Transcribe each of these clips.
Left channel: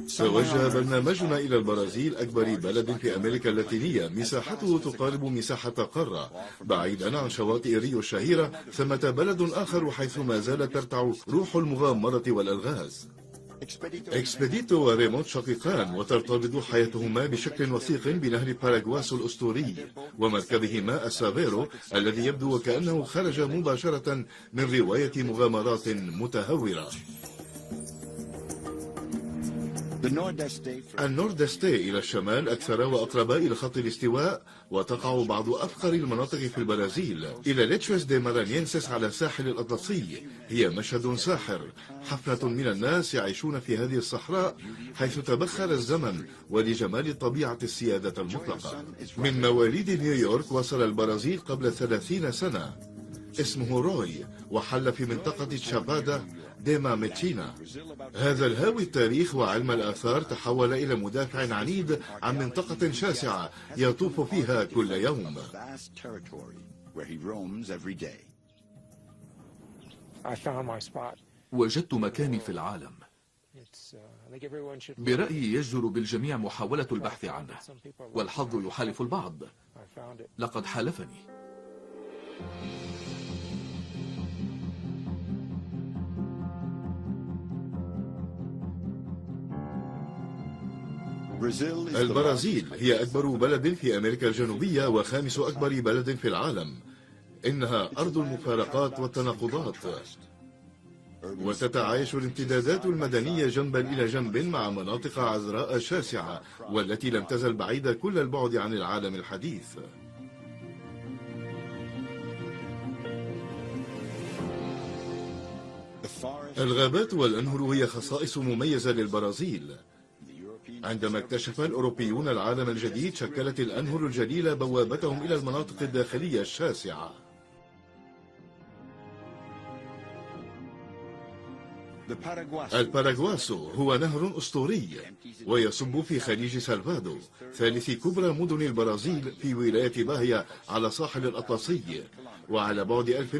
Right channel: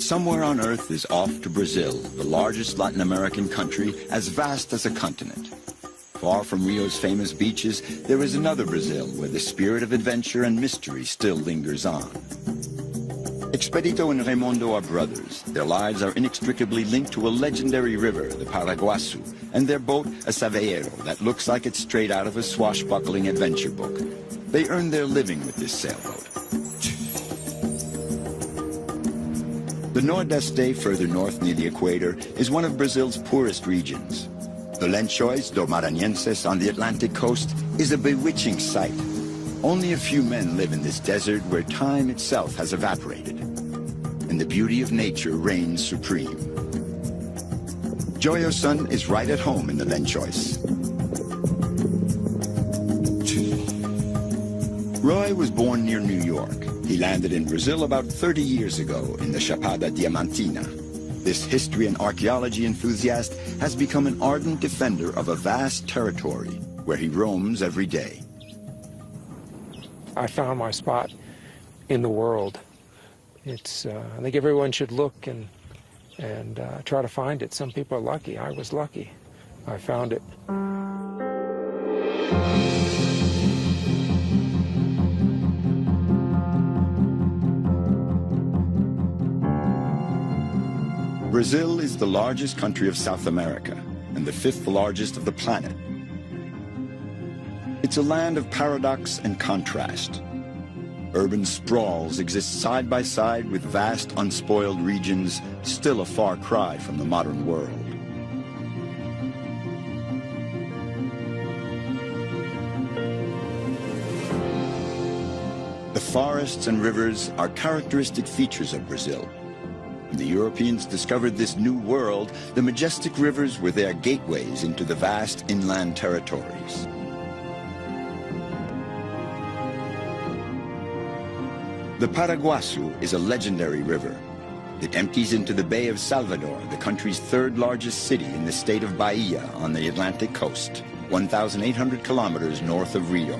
Somewhere on Earth is off to Brazil, the largest Latin American country, as vast as a continent. Far from Rio's famous beaches, there is another Brazil, where the spirit of adventure and mystery still lingers on. Expedito and Raimundo are brothers. Their lives are inextricably linked to a legendary river, Paraguaçu, and their boat, a Saveiro, that looks like it's straight out of a swashbuckling adventure book. They earn their living with this sail. The Nordeste, further north near the equator, is one of Brazil's poorest regions. The Lençóis do Maranhenses on the Atlantic coast is a bewitching sight. Only a few men live in this desert where time itself has evaporated, and the beauty of nature reigns supreme. Joyo's son is right at home in the Lençóis. Roy was born near New York. He landed in Brazil about 30 years ago in the Chapada Diamantina. This history and archaeology enthusiast has become an ardent defender of a vast territory where he roams every day. I found my spot in the world. It's, I think everyone should look and try to find it. Some people are lucky. I was lucky. I found it. Brazil is the largest country of South America and the fifth largest of the planet. It's a land of paradox and contrast. Urban sprawls exist side by side with vast unspoiled regions, still a far cry from the modern world. The forests and rivers are characteristic features of Brazil. When the Europeans discovered this new world, the majestic rivers were their gateways into the vast inland territories. The Paraguaçu is a legendary river. It empties into the Bay of Salvador, the country's third largest city in the state of Bahia on the Atlantic coast, 1,800 kilometers north of Rio.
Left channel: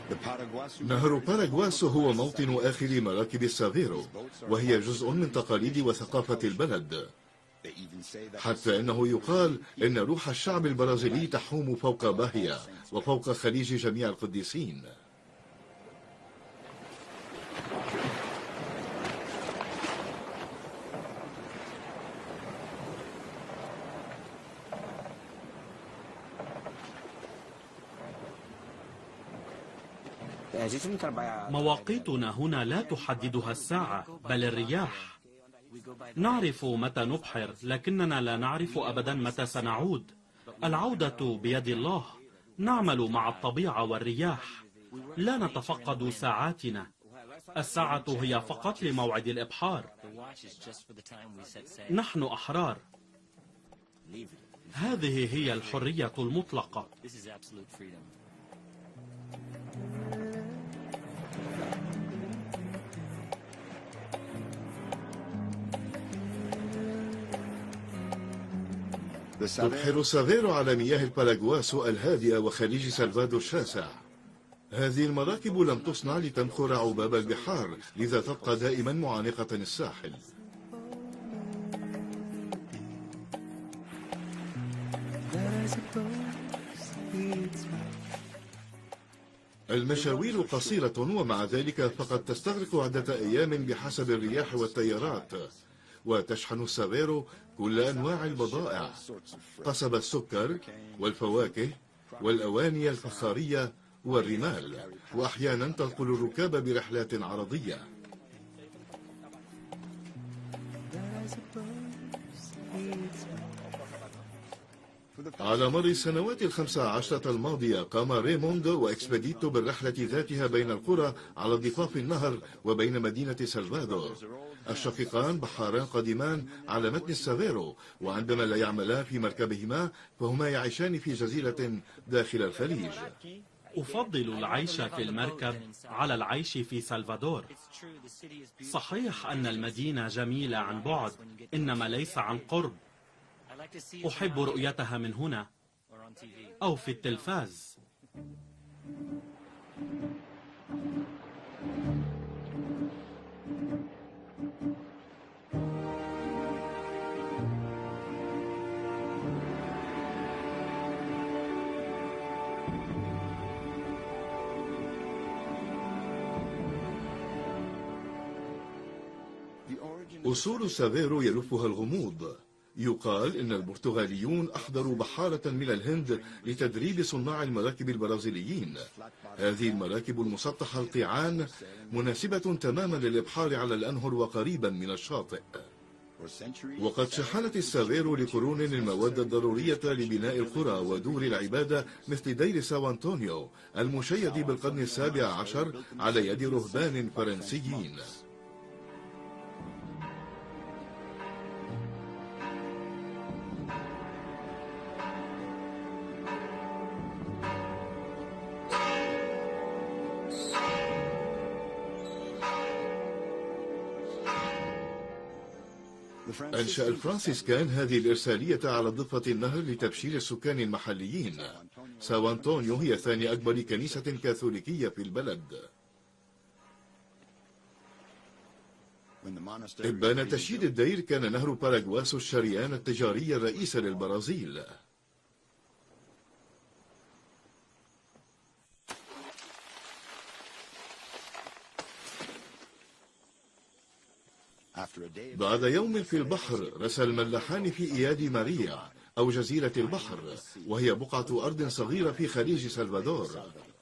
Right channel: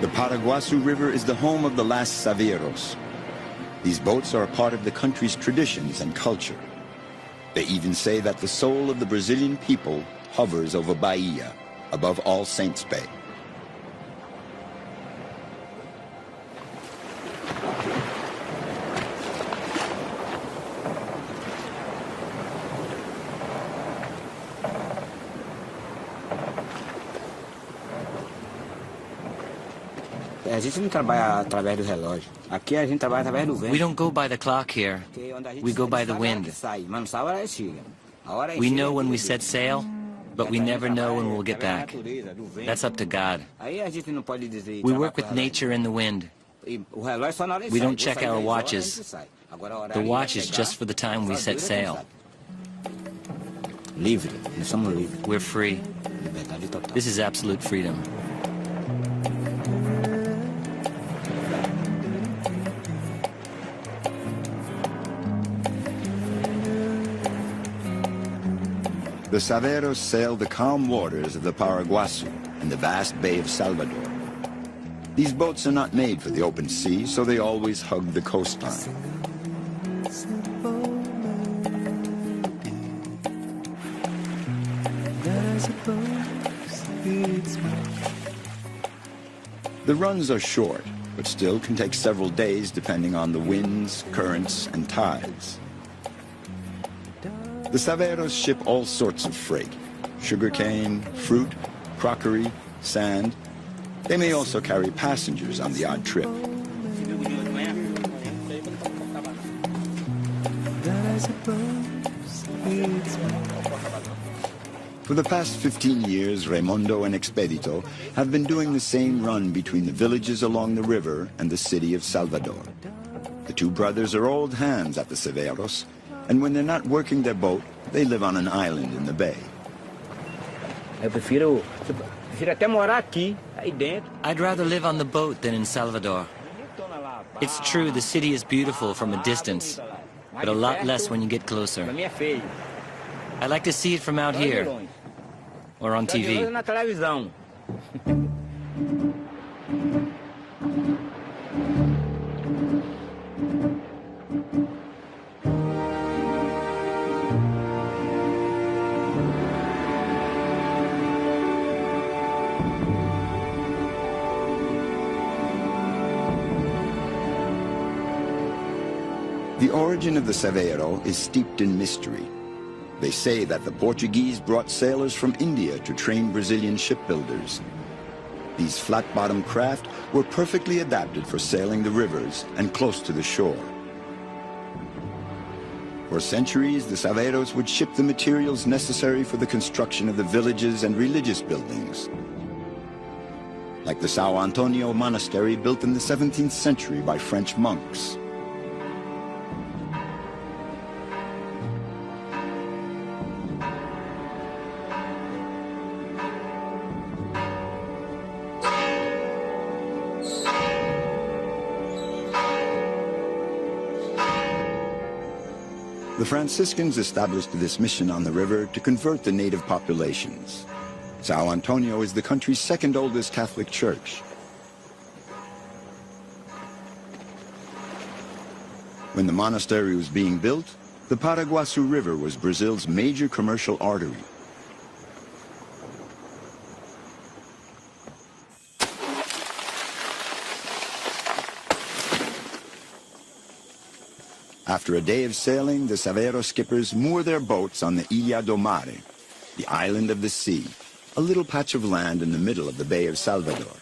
The Paraguaçu River is the home of the last Saveiros. These boats are a part of the country's traditions and culture. They even say that the soul of the Brazilian people hovers over Bahia, above All Saints Bay. We don't go by the clock here. We go by the wind. We know when we set sail, but we never know when we'll get back. That's up to God. We work with nature and the wind. We don't check our watches. The watch is just for the time we set sail. We're free. This is absolute freedom. The Saveiros sail the calm waters of the Paraguaçu in the vast Bay of Salvador. These boats are not made for the open sea, so they always hug the coastline. The runs are short, but still can take several days depending on the winds, currents, and tides. The Saveiros ship all sorts of freight: sugarcane, fruit, crockery, sand. They may also carry passengers on the odd trip. For the past 15 years, Raimundo and Expedito have been doing the same run between villages along the river and the city of Salvador. The two brothers are old hands at the Severos, and when they're not working their boat, they live on an island in the bay. I'd rather live on the boat than in Salvador. It's true, the city is beautiful from a distance, but a lot less when you get closer. I like to see it from out here, or on TV. The origin of the Severo is steeped in mystery. They say that the Portuguese brought sailors from India to train Brazilian shipbuilders. These flat-bottomed craft were perfectly adapted for sailing the rivers and close to the shore. For centuries, the Severos would ship the materials necessary for the construction of the villages and religious buildings, like the São Antonio monastery built in the 17th century by French monks. The Franciscans established this mission on the river to convert the native populations. São Antonio is the country's second oldest Catholic church. When the monastery was being built, the Paraguaçu River was Brazil's major commercial artery. After a day of sailing, the Severo skippers moor their boats on the Ilha do Mare, the island of the sea, a little patch of land in the middle of the Bay of Salvador.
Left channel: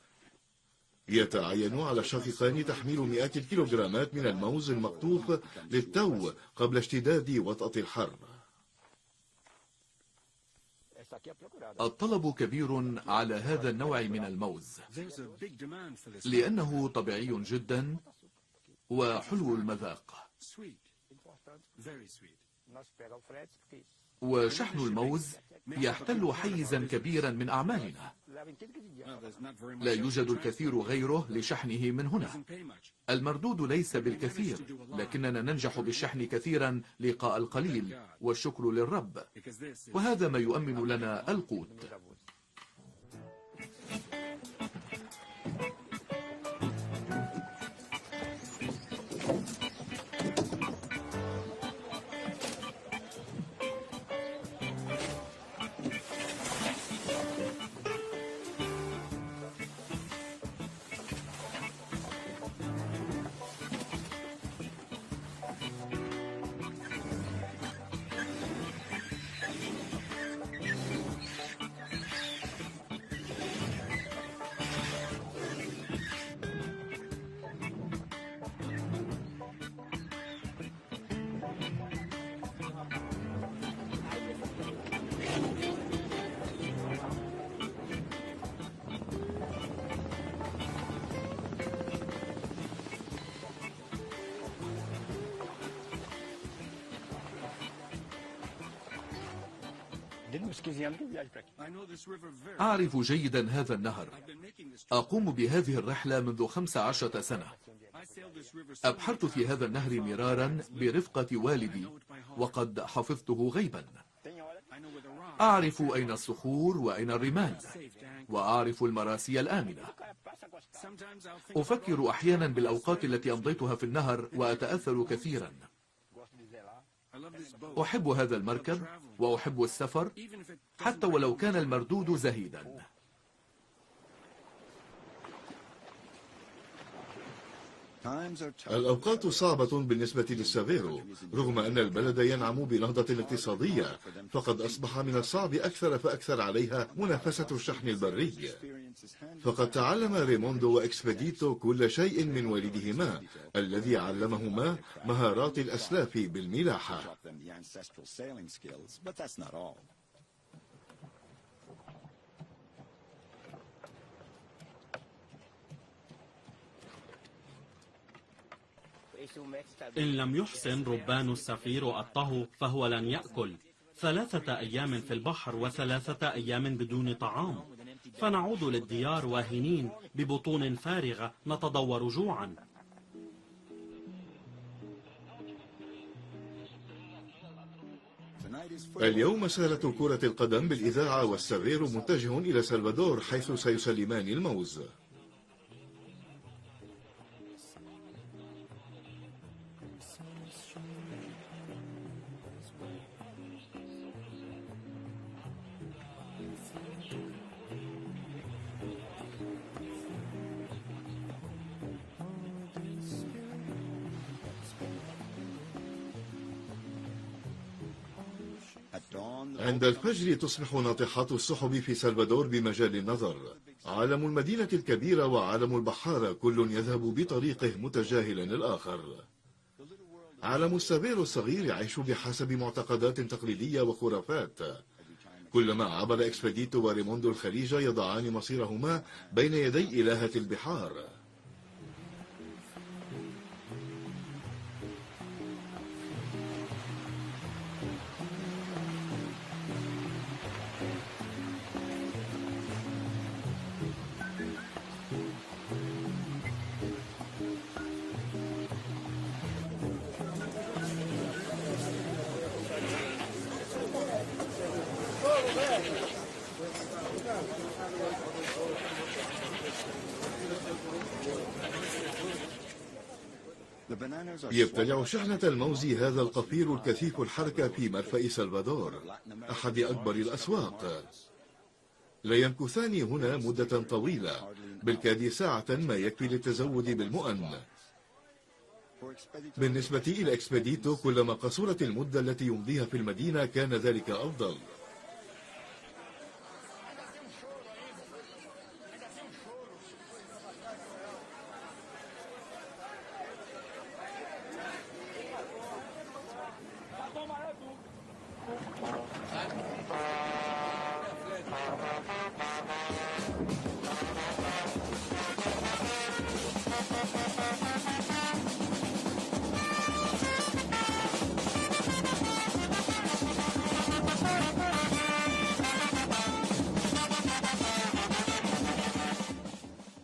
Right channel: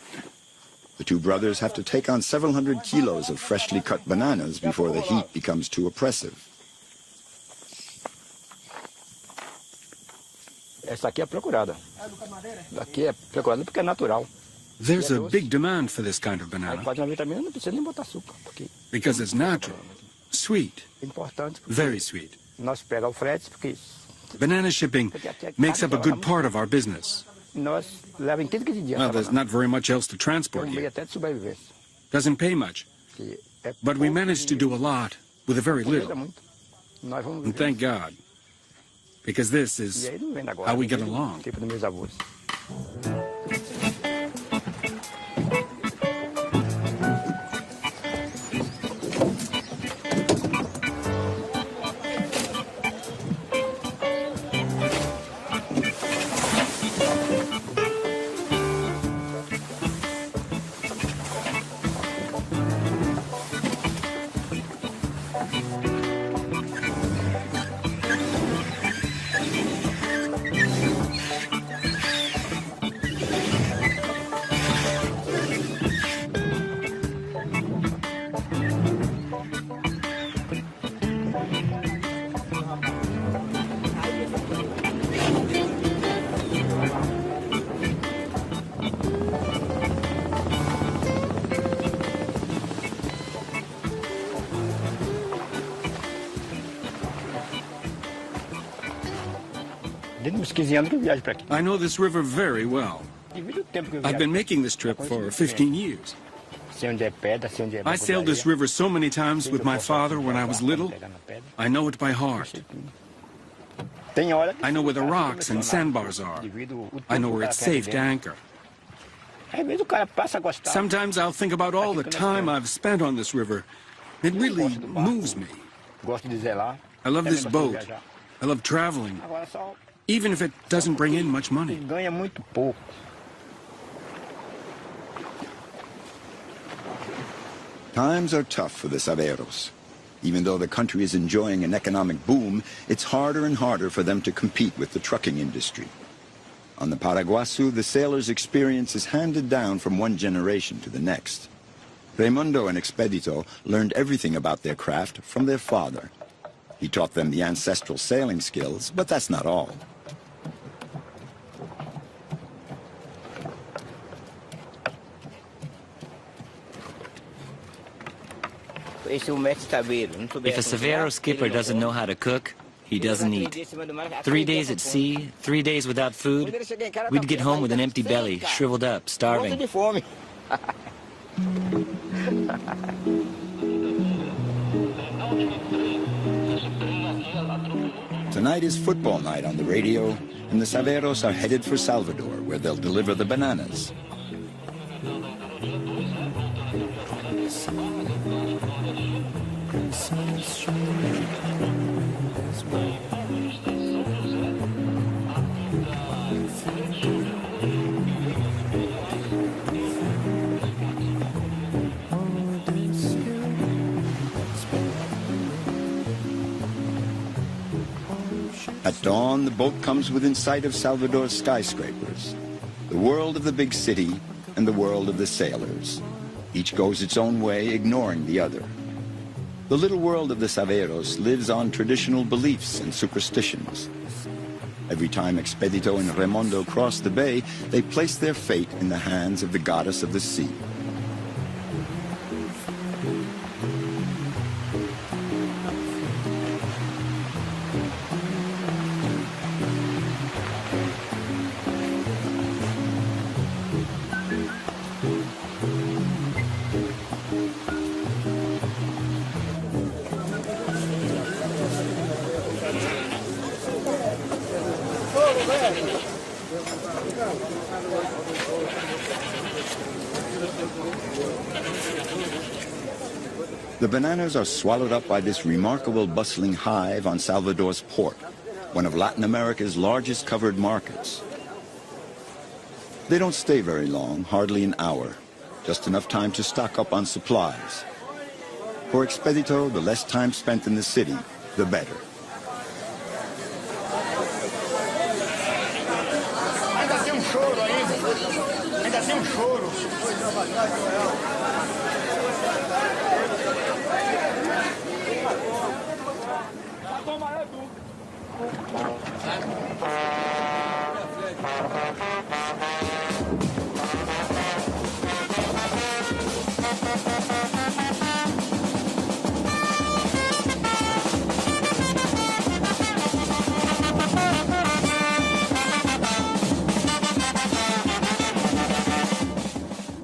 The two brothers have to take on several hundred kilos of freshly cut bananas before the heat becomes too oppressive. There's a big demand for this kind of banana because it's natural. Sweet, very sweet. Banana shipping makes up a good part of our business. Well, there's not very much else to transport here. Doesn't pay much. But we managed to do a lot with a very little. And thank God, because this is how we get along. I know this river very well. I've been making this trip for 15 years. I sailed this river so many times with my father when I was little, I know it by heart. I know where the rocks and sandbars are. I know where it's safe to anchor. Sometimes I'll think about all the time I've spent on this river. It really moves me. I love this boat. I love traveling, even if it doesn't bring in much money. Times are tough for the Severos. Even though the country is enjoying an economic boom, it's harder and harder for them to compete with the trucking industry. On the Paraguaçu, the sailors' experience is handed down from one generation to the next. Raimundo and Expedito learned everything about their craft from their father. He taught them the ancestral sailing skills, but that's not all. If a Severo skipper doesn't know how to cook, he doesn't eat. 3 days at sea, 3 days without food, we'd get home with an empty belly, shriveled up, starving. Tonight is football night on the radio, and the Severos are headed for Salvador, where they'll deliver the bananas. At dawn, the boat comes within sight of Salvador's skyscrapers, the world of the big city and the world of the sailors. Each goes its own way, ignoring the other. The little world of the Severos lives on traditional beliefs and superstitions. Every time Expedito and Raimondo cross the bay, they place their fate in the hands of the goddess of the sea. The bananas are swallowed up by this remarkable bustling hive on Salvador's port, one of Latin America's largest covered markets. They don't stay very long, hardly an hour, just enough time to stock up on supplies. For Expedito, the less time spent in the city, the better.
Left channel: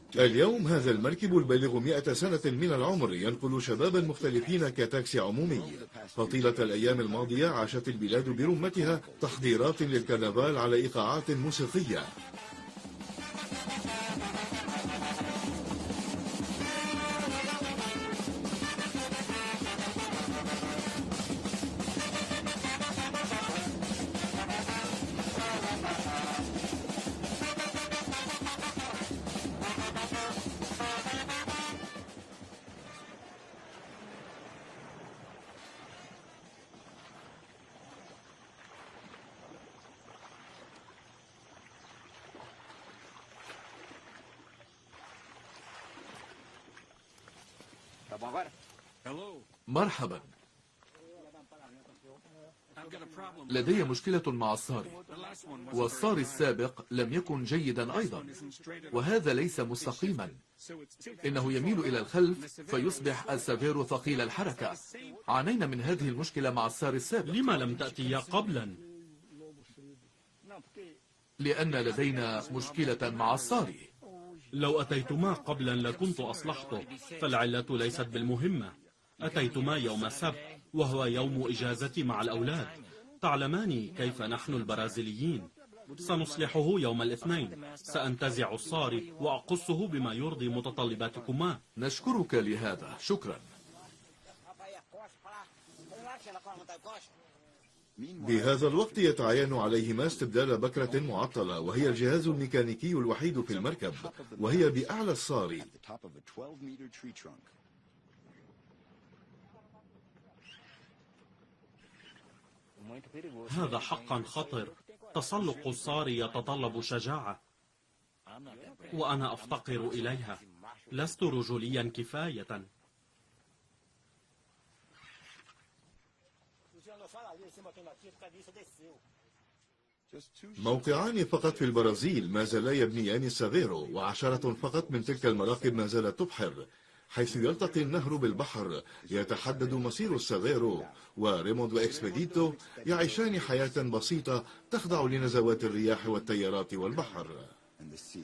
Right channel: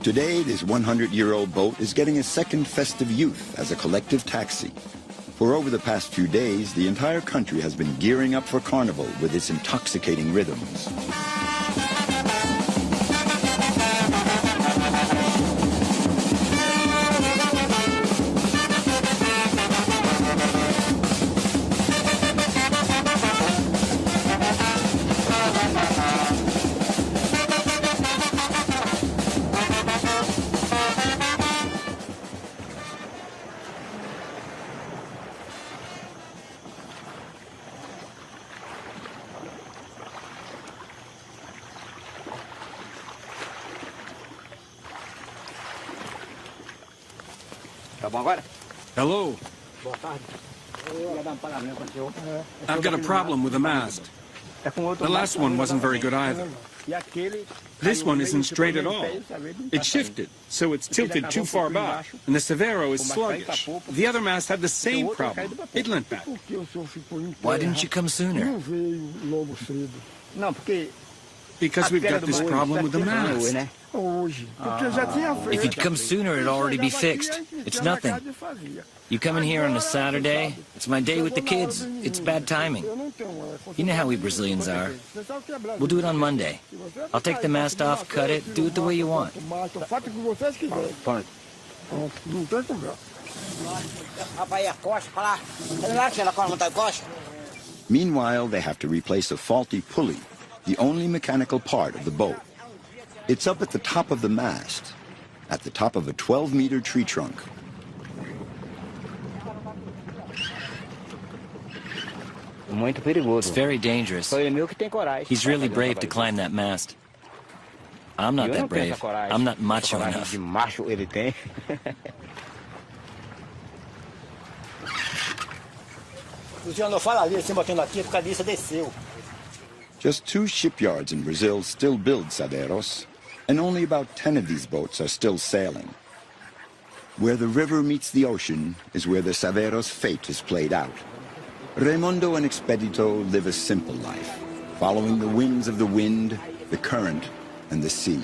Today, this 100-year-old boat is getting a second festive youth as a collective taxi. For over the past few days, the entire country has been gearing up for Carnival with its intoxicating rhythms. Hello. I've got a problem with the mast. The last one wasn't very good either. This one isn't straight at all. It's shifted, so it's tilted too far back, and the Severo is sluggish. The other mast had the same problem. It leant back. Why didn't you come sooner? Because we've got this problem with the mast. If you'd come sooner, it'd already be fixed. It's nothing. You come in here on a Saturday, it's my day with the kids. It's bad timing. You know how we Brazilians are. We'll do it on Monday. I'll take the mast off, cut it, do it the way you want. Meanwhile, they have to replace a faulty pulley, the only mechanical part of the boat. It's up at the top of the mast, at the top of a 12-meter tree trunk. It's very dangerous. He's really brave to climb that mast. I'm not that brave. I'm not macho enough. Just 2 shipyards in Brazil still build Severos, and only about 10 of these boats are still sailing. Where the river meets the ocean is where the Saveros' fate is played out. Raimundo and Expedito live a simple life, following the winds of the wind, the current, and the sea.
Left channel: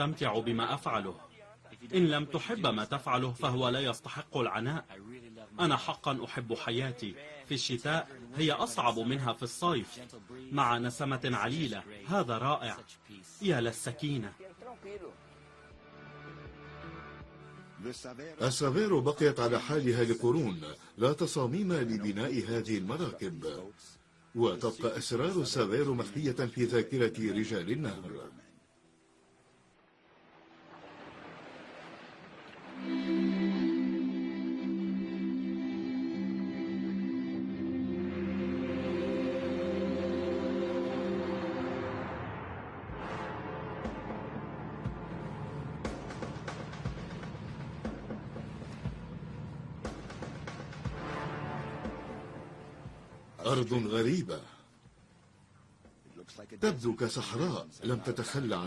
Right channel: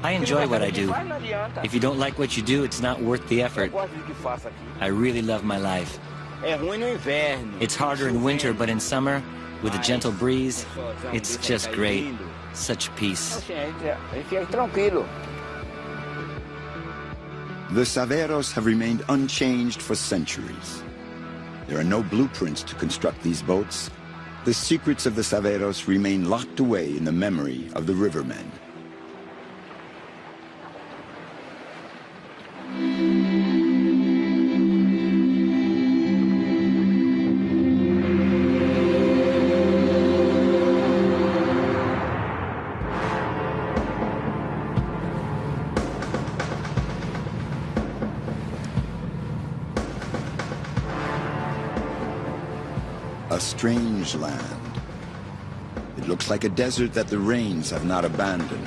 I enjoy what I do. If you don't like what you do, it's not worth the effort. I really love my life. It's harder in winter, but in summer, with a gentle breeze, it's just great. Such peace. The Saveros have remained unchanged for centuries. There are no blueprints to construct these boats. The secrets of the Saveros remain locked away in the memory of the rivermen. A strange land. It looks like a desert that the rains have not abandoned.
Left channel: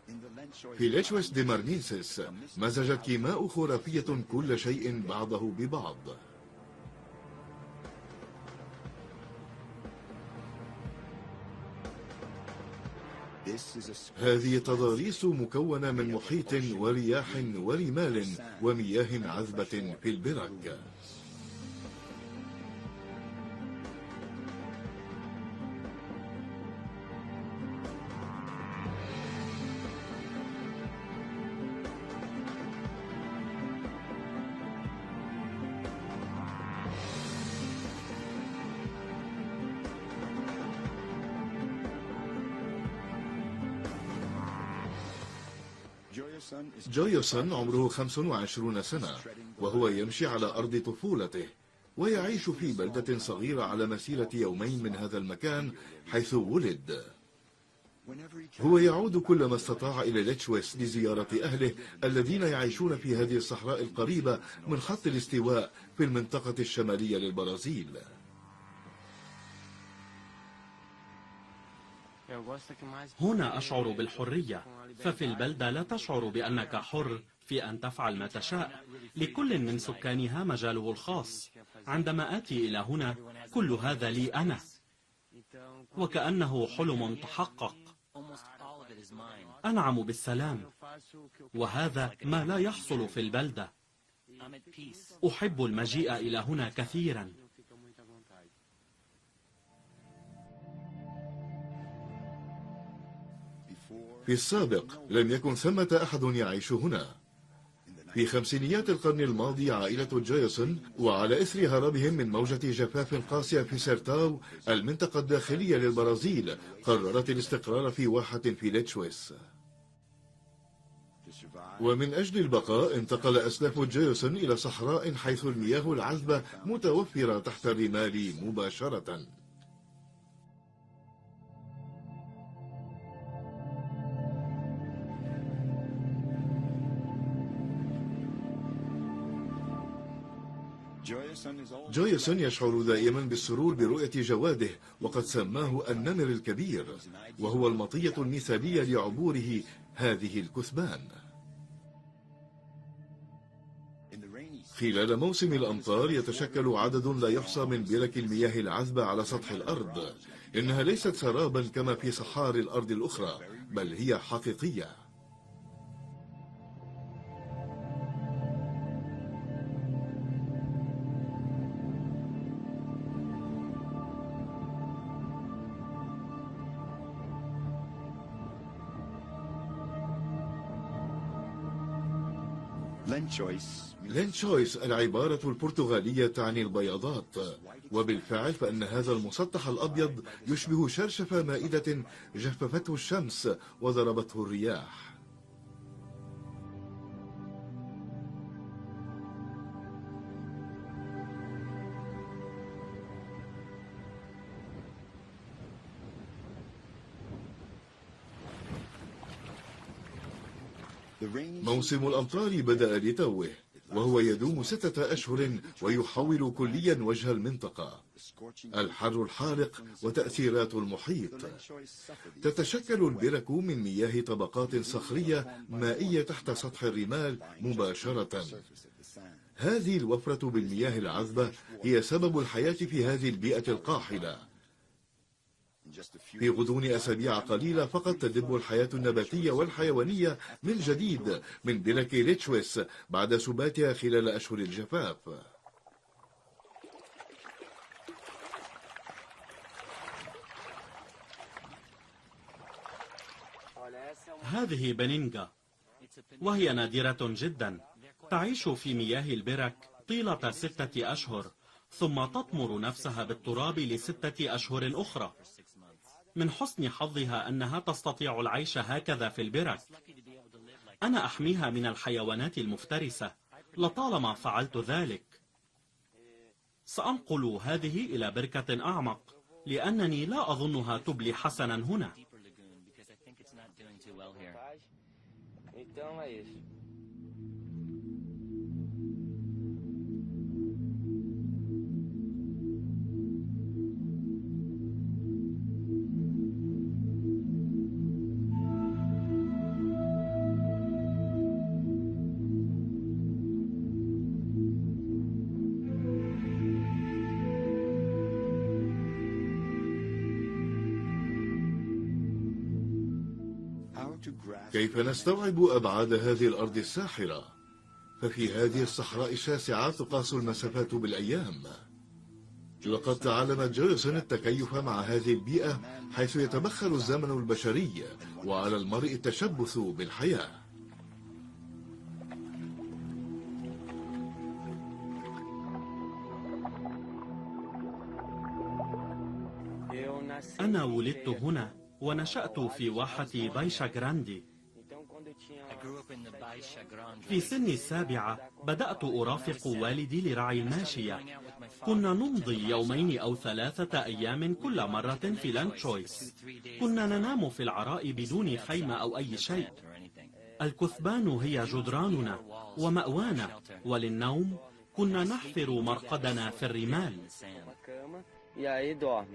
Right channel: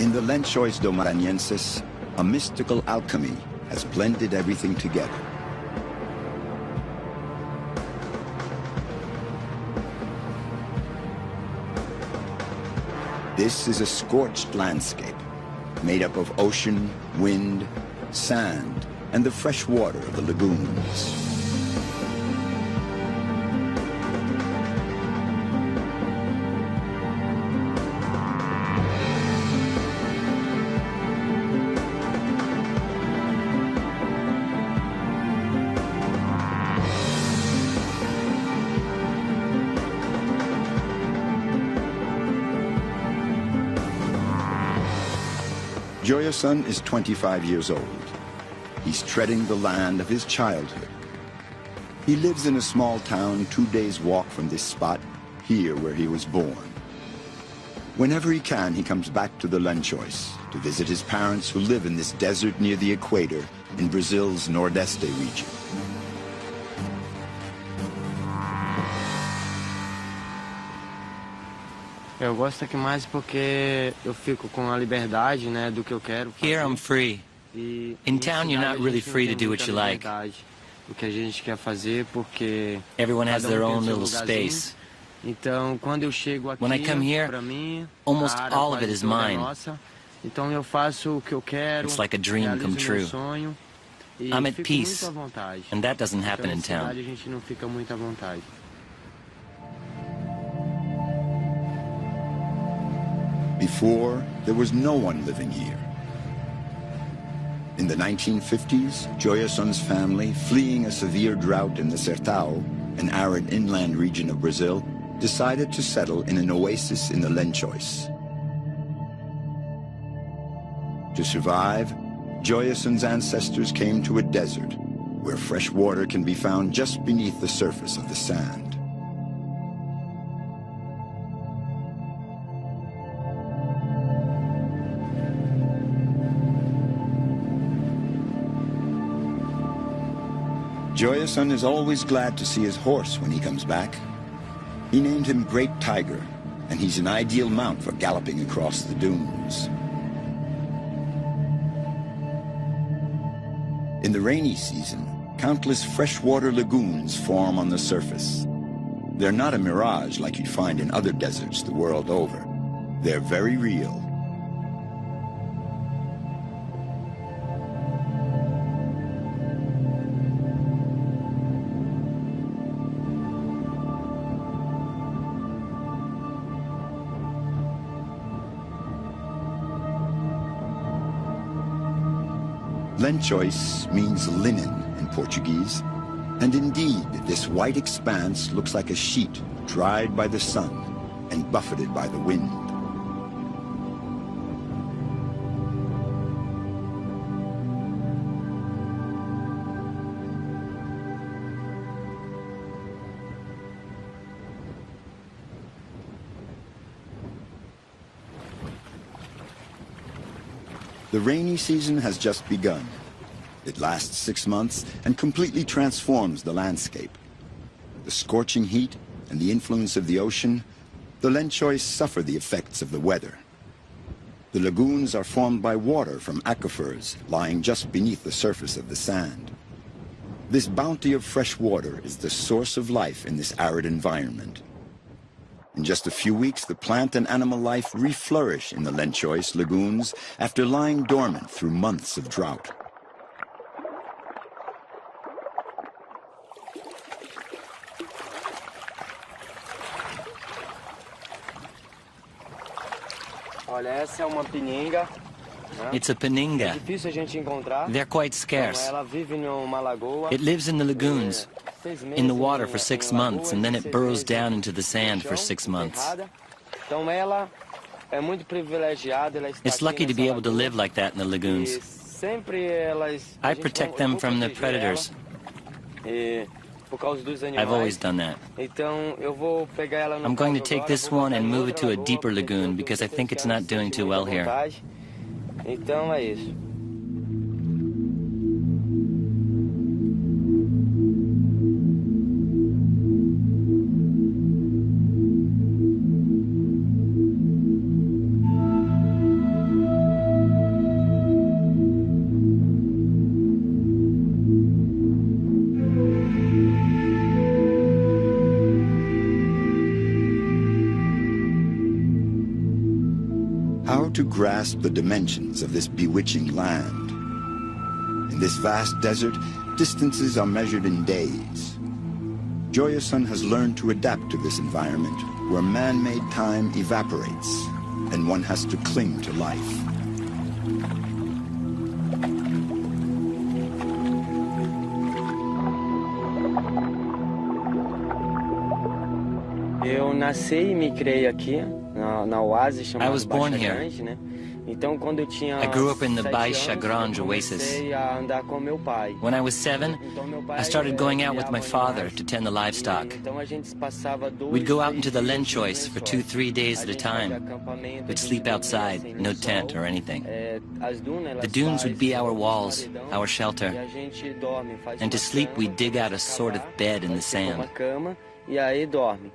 In the Lençóis do Maranhenses, a mystical alchemy has blended everything together. This is a scorched landscape made up of ocean, wind, sand, and the fresh water of the lagoons. Joyason is 25 years old. He's treading the land of his childhood. He lives in a small town 2 days' walk from this spot, here where he was born. Whenever he can, he comes back to the Lençóis to visit his parents who live in this desert near the equator in Brazil's Nordeste region. Eu gosto aqui mais porque eu fico com a liberdade, né, do que eu quero. Here I'm free. In town, you're not really free to do what you like. O que a gente quer fazer, porque Everyone has their own little space. Então, quando eu chego aqui, When I come here, pra mim, almost all of it is mine. então eu faço o que eu quero. It's like a dream come true. Sonho, e I'm at fico peace, muito à vontade. and that doesn't happen in town. A gente não fica muito à vontade. Before, there was no one living here. In the 1950s, Joyason's family, fleeing a severe drought in the Sertão, an arid inland region of Brazil, decided to settle in an oasis in the Lençóis. To survive, Joyason's ancestors came to a desert where fresh water can be found just beneath the surface of the sand. Joyason is always glad to see his horse when he comes back. He named him Great Tiger, and he's an ideal mount for galloping across the dunes. In the rainy season, countless freshwater lagoons form on the surface. They're not a mirage like you'd find in other deserts the world over. They're very real. Lençóis means linen in Portuguese, and indeed, this white expanse looks like a sheet dried by the sun and buffeted by the wind. The rainy season has just begun. It lasts 6 months and completely transforms the landscape. The scorching heat and the influence of the ocean, the Lençóis suffer the effects of the weather. The lagoons are formed by water from aquifers lying just beneath the surface of the sand. This bounty of fresh water is the source of life in this arid environment. In just a few weeks, the plant and animal life reflourish in the Lençóis lagoons after lying dormant through months of drought. It's a peninga. They're quite scarce. It lives in the lagoons, in the water for 6 months, and then it burrows down into the sand for 6 months. It's lucky to be able to live like that in the lagoons. I protect them from the predators. I've always done that. I'm going to take this one and move it to a deeper lagoon because I think it's not doing too well here. To grasp the dimensions of this bewitching land. In this vast desert, distances are measured in days. Joyason has learned to adapt to this environment where man-made time evaporates and one has to cling to life. Eu nasci e me criei aqui na oásis chamada. I was born here. Então, quando eu tinha I grew up in the Baixa Grande oasis. comecei a andar com meu pai. When I was 7, I started going out with my father to tend the livestock. Então a gente passava We'd go out into the Lençóis for 2-3 days at a time. We'd sleep outside, no tent or anything. The dunes would be our walls, our shelter. And to sleep, we'd dig out a sort of bed in the sand. uma cama e aí dorme.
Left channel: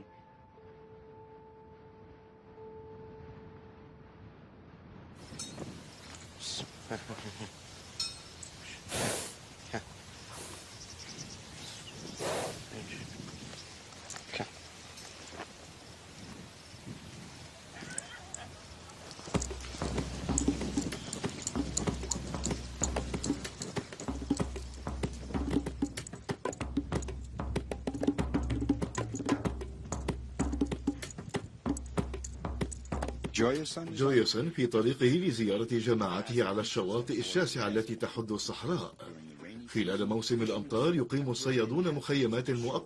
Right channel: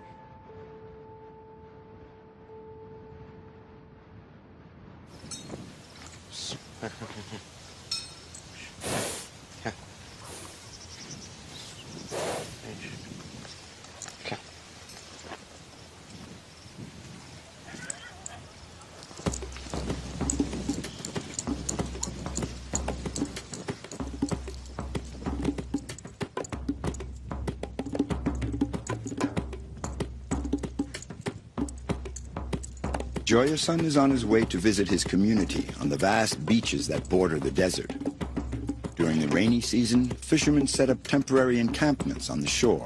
Joyason is on his way to visit his community on the vast beaches that border the desert. During the rainy season, fishermen set up temporary encampments on the shore.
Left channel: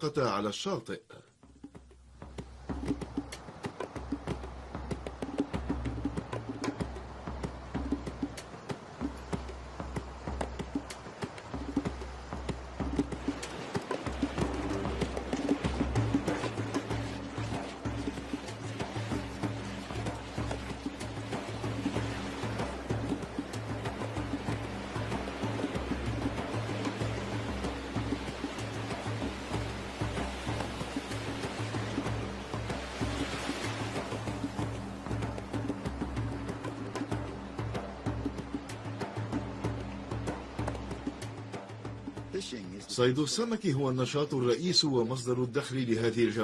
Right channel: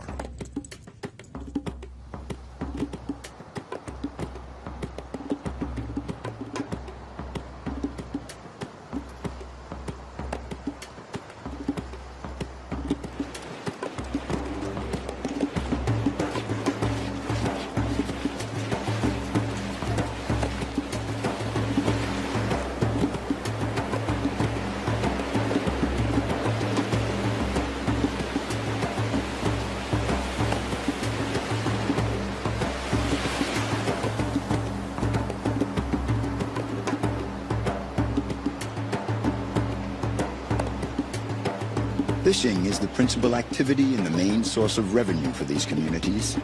Fishing is the principal activity and the main source of revenue for these communities.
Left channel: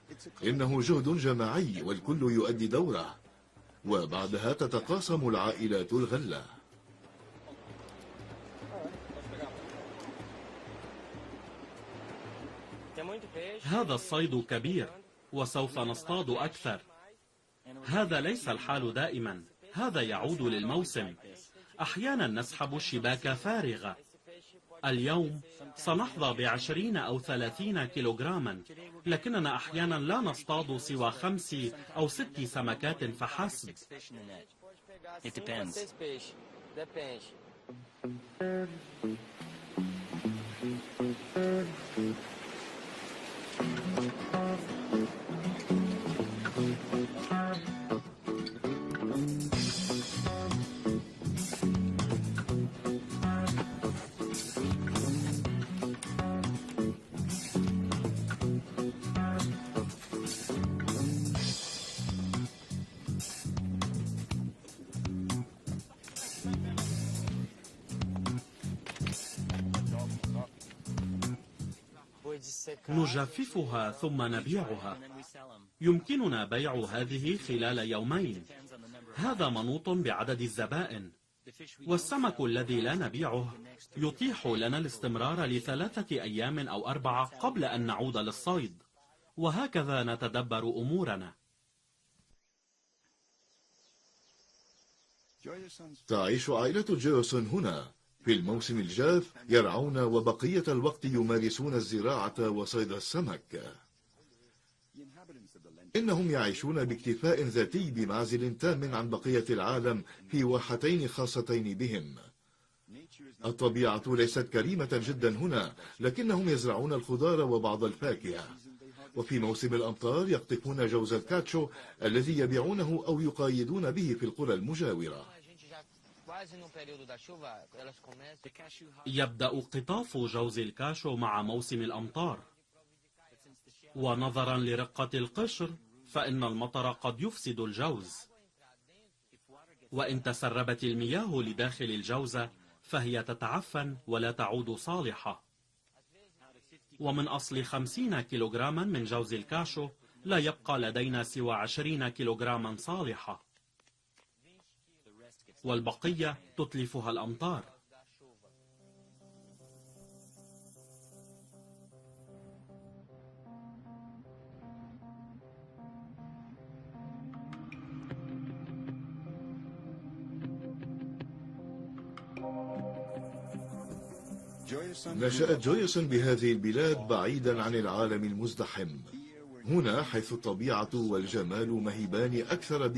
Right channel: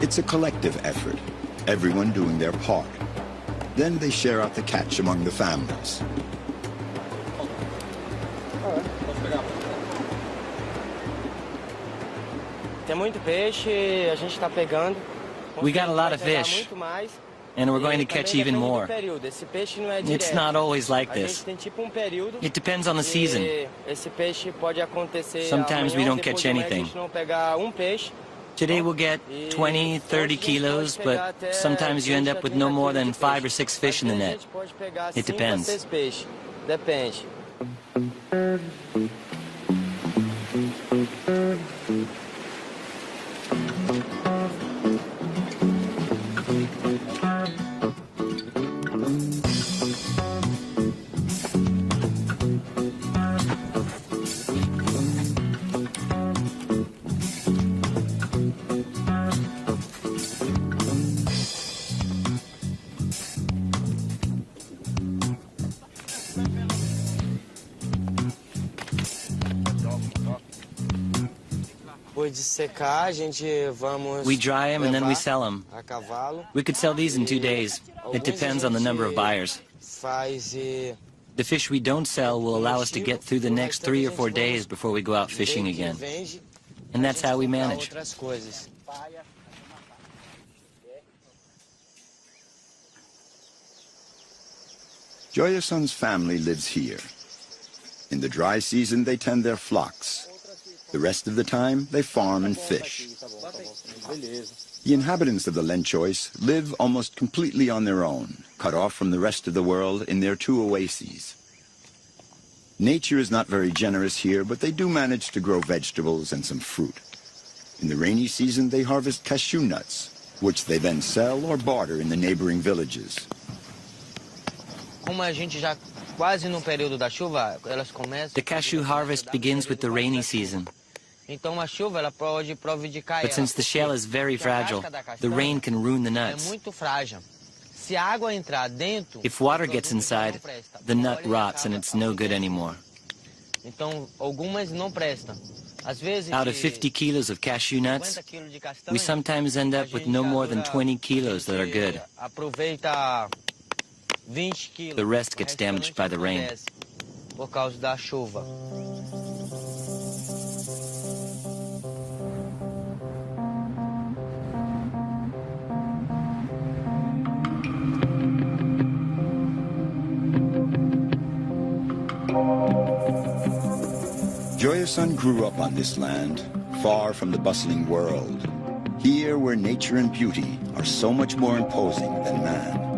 It's a collective effort, everyone doing their part. Then they share out the catch among the families. Tem muito peixe, a gente está pegando. We got a lot of fish. And we're going to catch even more. It's not always like this. It depends on the season. Sometimes we don't catch anything. Today we'll get 20, 30 kilos, but sometimes you end up with no more than 5 or 6 fish in the net. It depends. We dry them and then we sell them. We could sell these in 2 days. It depends on the number of buyers. The fish we don't sell will allow us to get through the next 3 or 4 days before we go out fishing again. And that's how we manage. Joyason's family lives here. In the dry season, they tend their flocks. The rest of the time, they farm and fish. The inhabitants of the Lenchois live almost completely on their own, cut off from the rest of the world in their 2 oases. Nature is not very generous here, but they do manage to grow vegetables and some fruit. In the rainy season, they harvest cashew nuts, which they then sell or barter in the neighboring villages. The cashew harvest begins with the rainy season. But since the shell is very fragile, the rain can ruin the nuts. If water gets inside, the nut rots and it's no good anymore. Out of 50 kilos of cashew nuts, we sometimes end up with no more than 20 kilos that are good. The rest gets damaged by the rain. Joyason grew up on this land, far from the bustling world, here where nature and beauty are so much more imposing than man.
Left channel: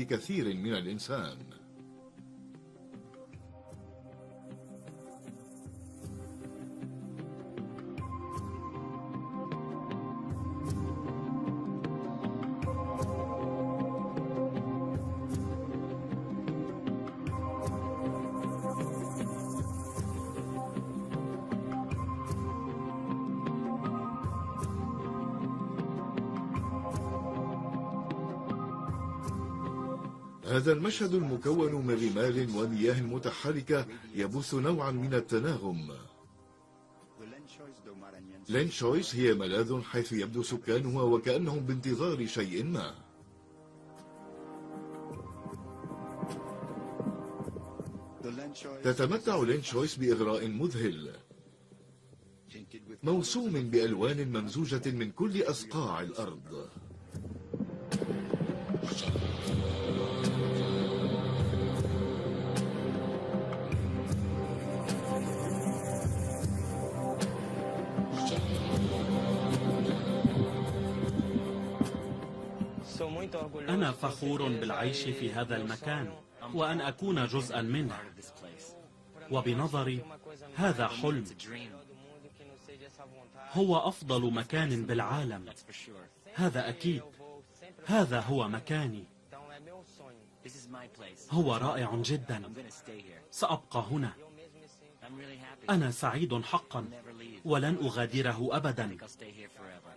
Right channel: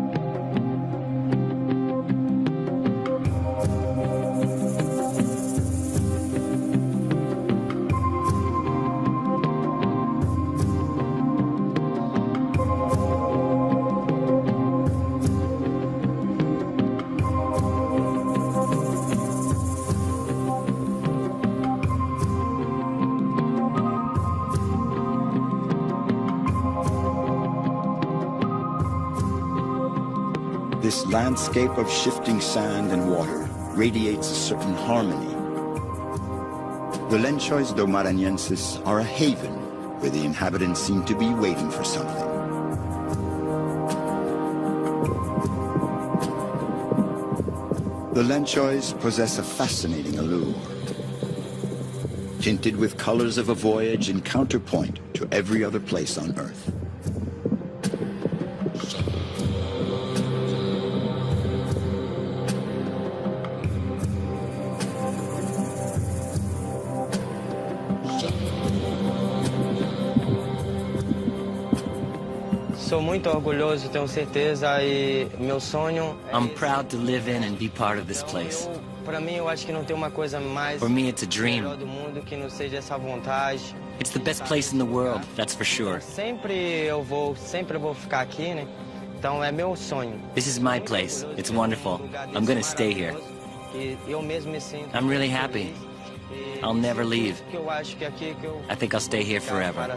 This landscape of shifting sand and water radiates a certain harmony. The Lenchois do Maranhenses are a haven where the inhabitants seem to be waiting for something. The Lenchois possess a fascinating allure, tinted with colors of a voyage and counterpoint to every other place on Earth. I'm proud to live in and be part of this place. For me, it's a dream. It's the best place in the world, that's for sure. This is my place. It's wonderful. I'm going to stay here. I'm really happy. I'll never leave. I think I'll stay here forever.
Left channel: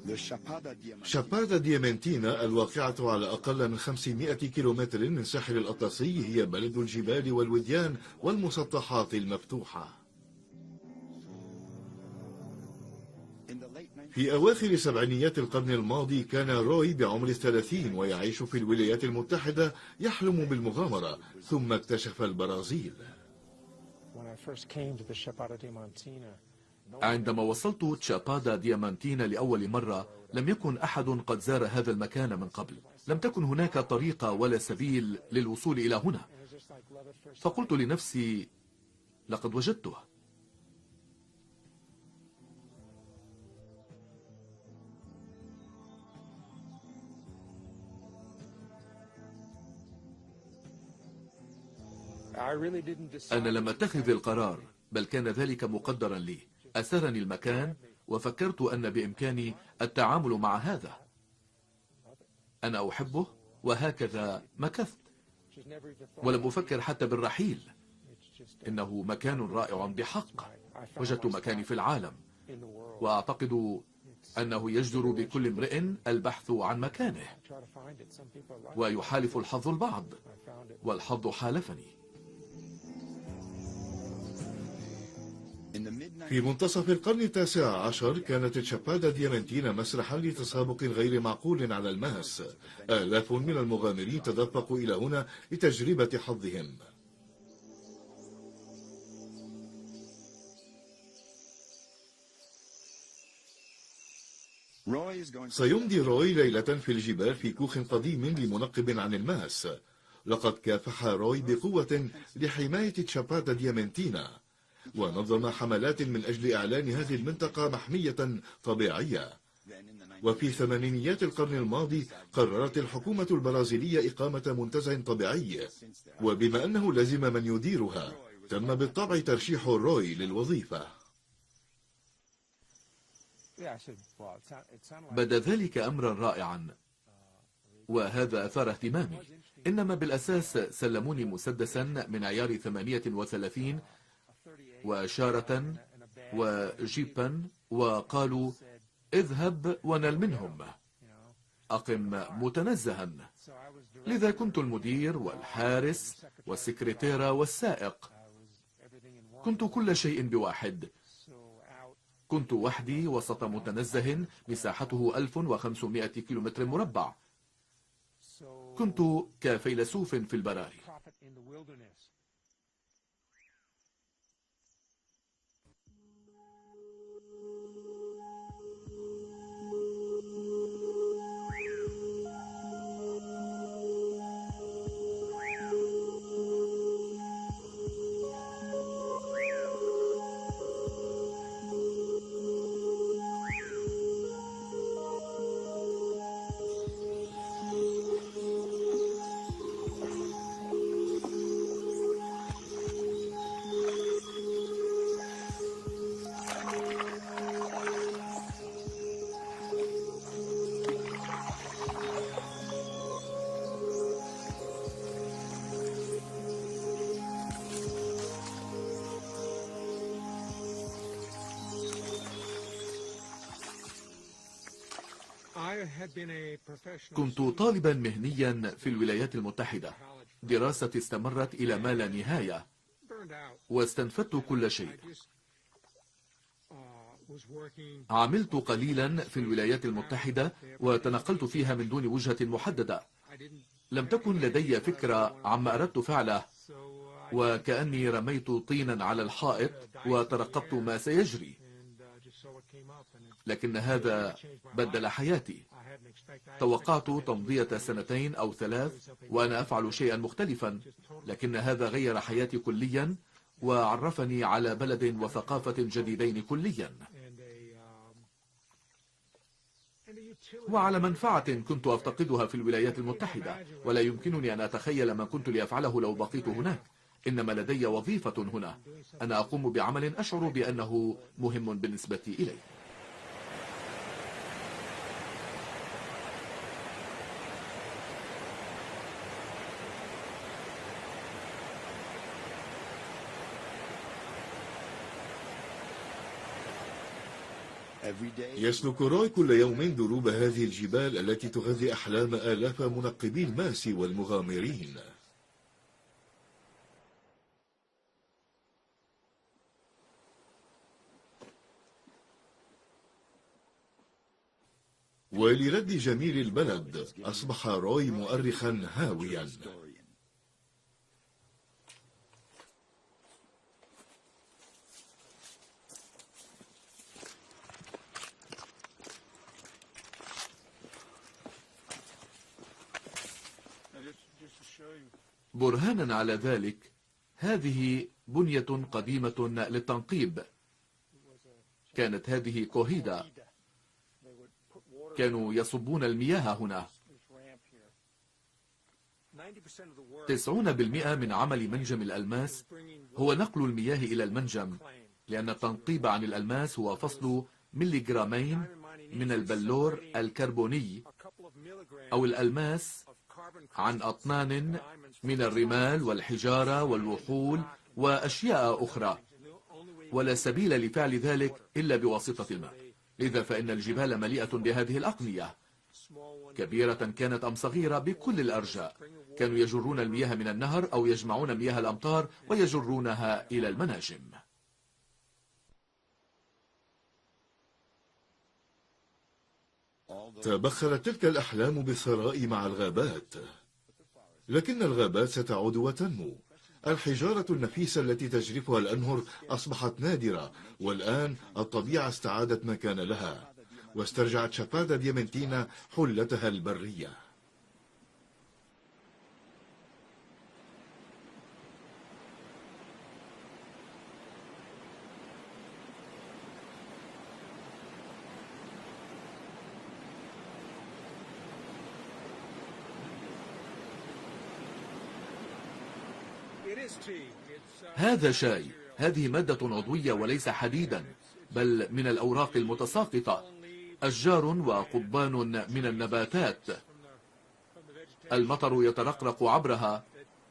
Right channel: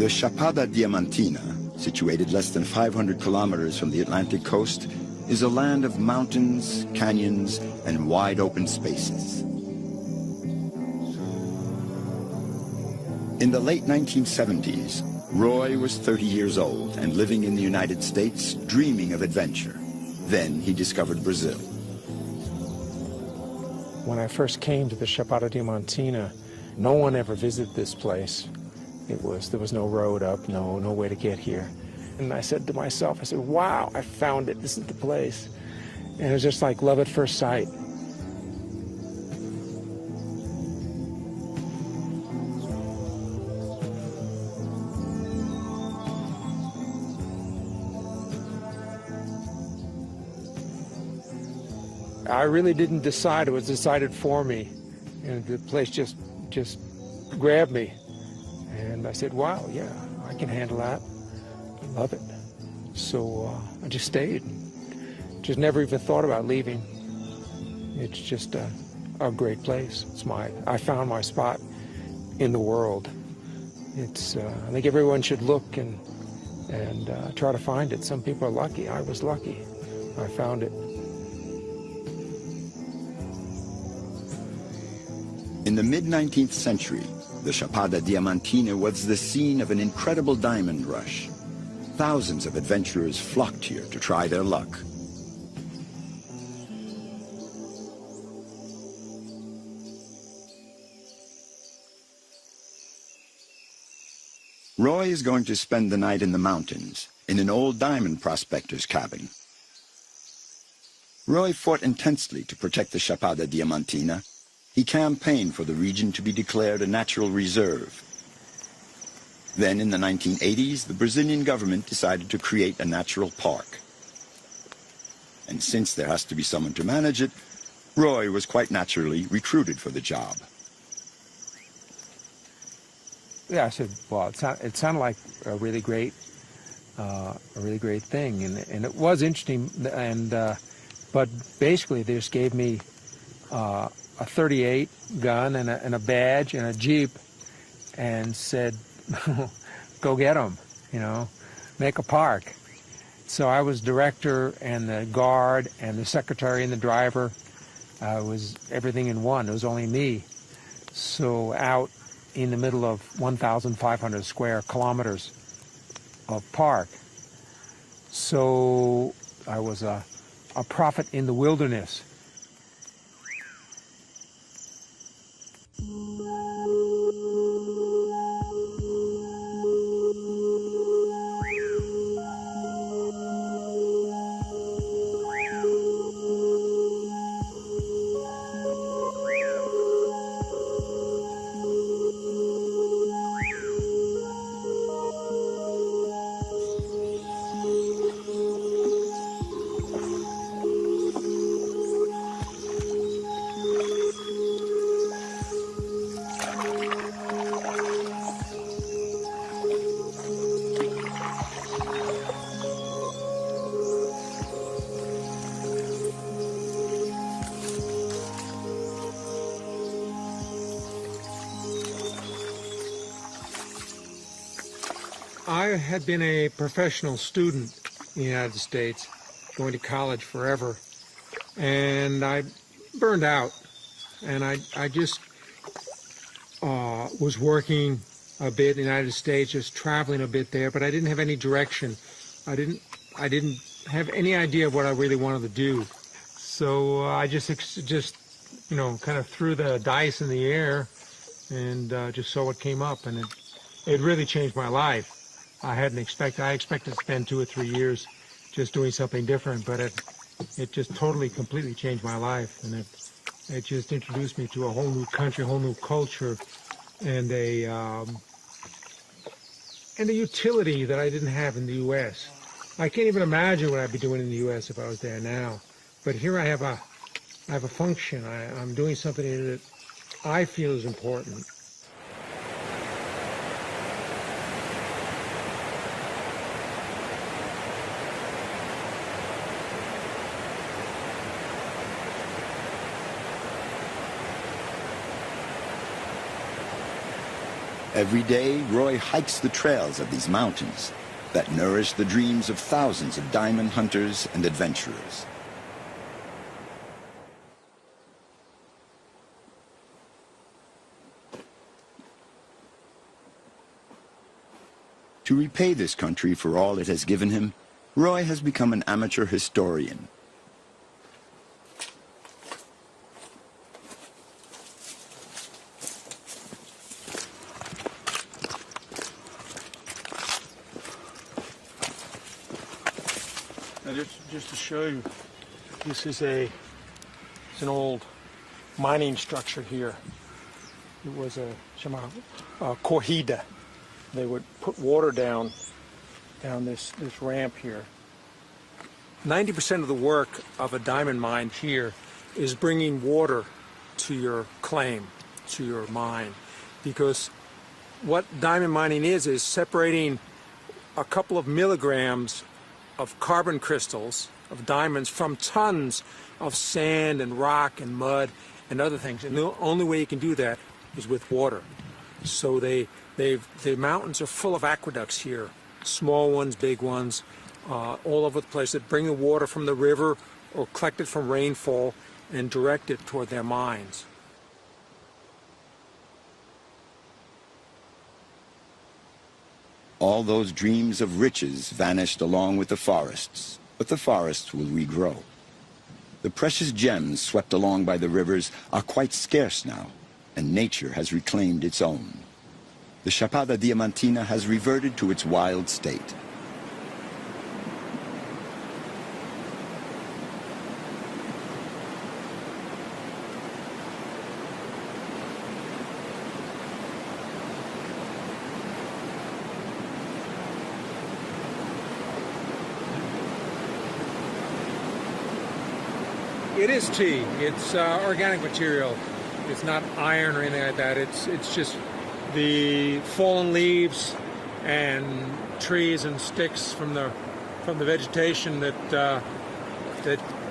The Chapada Diamantina, situated less than 500 kilometers from the Atlantic coast, is a land of mountains, canyons, and wide open spaces. In the late 1970s, Roy was 30 years old and living in the United States, dreaming of adventure. Then he discovered Brazil. When I first came to the Chapada Diamantina, no one ever visited this place. There was no road up, no way to get here. And I said to myself, wow, I found it, this is the place. And it was just like love at first sight. I really didn't decide, it was decided for me. And the place just grabbed me. And I said, wow, yeah, I can handle that. Love it. So I just stayed. Just never even thought about leaving. It's just a great place. I found my spot in the world. It's, I think everyone should look and try to find it. Some people are lucky. I was lucky. I found it. In the mid-19th century, the Chapada Diamantina was the scene of an incredible diamond rush. Thousands of adventurers flocked here to try their luck. Roy is going to spend the night in the mountains, in an old diamond prospector's cabin. Roy fought intensely to protect the Chapada Diamantina. He campaigned for the region to be declared a natural reserve. Then in the 1980s, the Brazilian government decided to create a natural park. And since there has to be someone to manage it, Roy was quite naturally recruited for the job. Yeah, I said, well, it sounded like a really great thing, and it was interesting. But basically, they just gave me a .38 gun and a badge and a jeep, and said, "Go get them, make a park." So I was director and the guard and the secretary and the driver. I was everything in one. It was only me. So out in the middle of 1,500 square kilometers of park. So I was a prophet in the wilderness. I had been a professional student in the United States, going to college forever, and I burned out, and I just was working a bit in the United States, just traveling a bit there, but I didn't have any direction. I didn't have any idea what I really wanted to do. So I just kind of threw the dice in the air and just saw what came up, and it really changed my life. I expected to spend 2 or 3 years just doing something different, but it just completely changed my life. It just introduced me to a whole new country, a whole new culture, and a utility that I didn't have in the U.S. I can't even imagine what I'd be doing in the U.S. if I was there now. But here I have a function. I'm doing something that I feel is important. Every day, Roy hikes the trails of these mountains that nourish the dreams of thousands of diamond hunters and adventurers. To repay this country for all it has given him, Roy has become an amateur historian. Just to show you, برهانا على ذلك هذه بنية قديمة للتنقيب. كانت هذه corrida. They would put water down يصبون المياه on هنا. this ramp here. 90% of the work of a diamond mine here is bringing water to your claim, to your mine, because what diamond mining is separating a couple of milligrams of carbon crystals of diamonds from tons of sand and rock and mud and other things. And the only way you can do that is with water. So the mountains are full of aqueducts here. Small ones, big ones, all over the place that bring the water from the river or collect it from rainfall and direct it toward their mines. All those dreams of riches vanished along with the forests, but the forests will regrow. The precious gems swept along by the rivers are quite scarce now, and nature has reclaimed its own. The Chapada Diamantina has reverted to its wild state. It is tea. It's organic material. It's not iron or anything like that. It's just the fallen leaves and trees and sticks from the vegetation that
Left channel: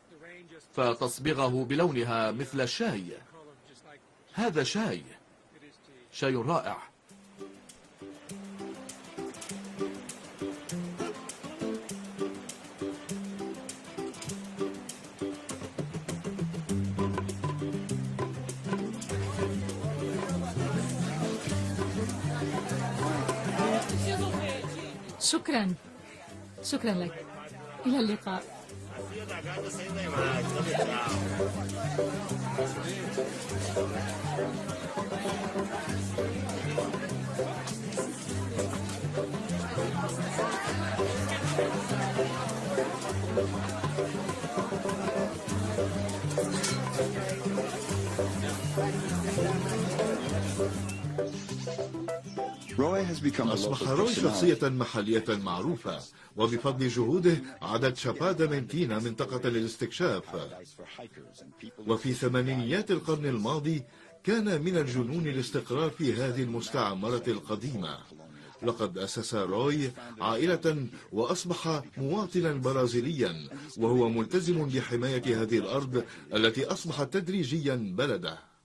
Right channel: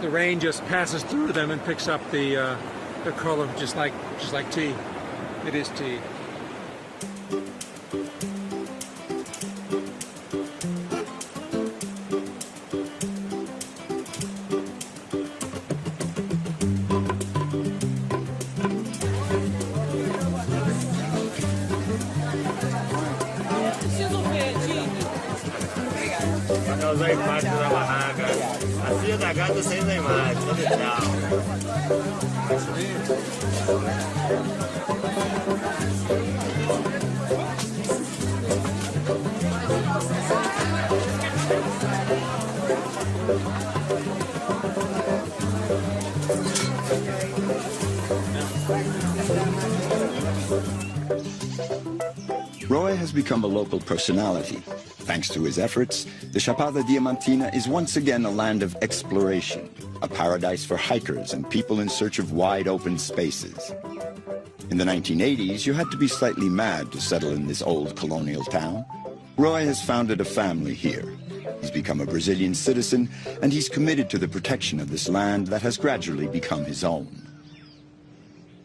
the rain just passes through them and picks up the color just like tea. It is tea. Roy has become a local personality. Thanks to his efforts, the Chapada Diamantina is once again a land of exploration, a paradise for hikers and people in search of wide open spaces. In the 1980s, you had to be slightly mad to settle in this old colonial town. Roy has founded a family here. He's become a Brazilian citizen, and he's committed to the protection of this land that has gradually become his own.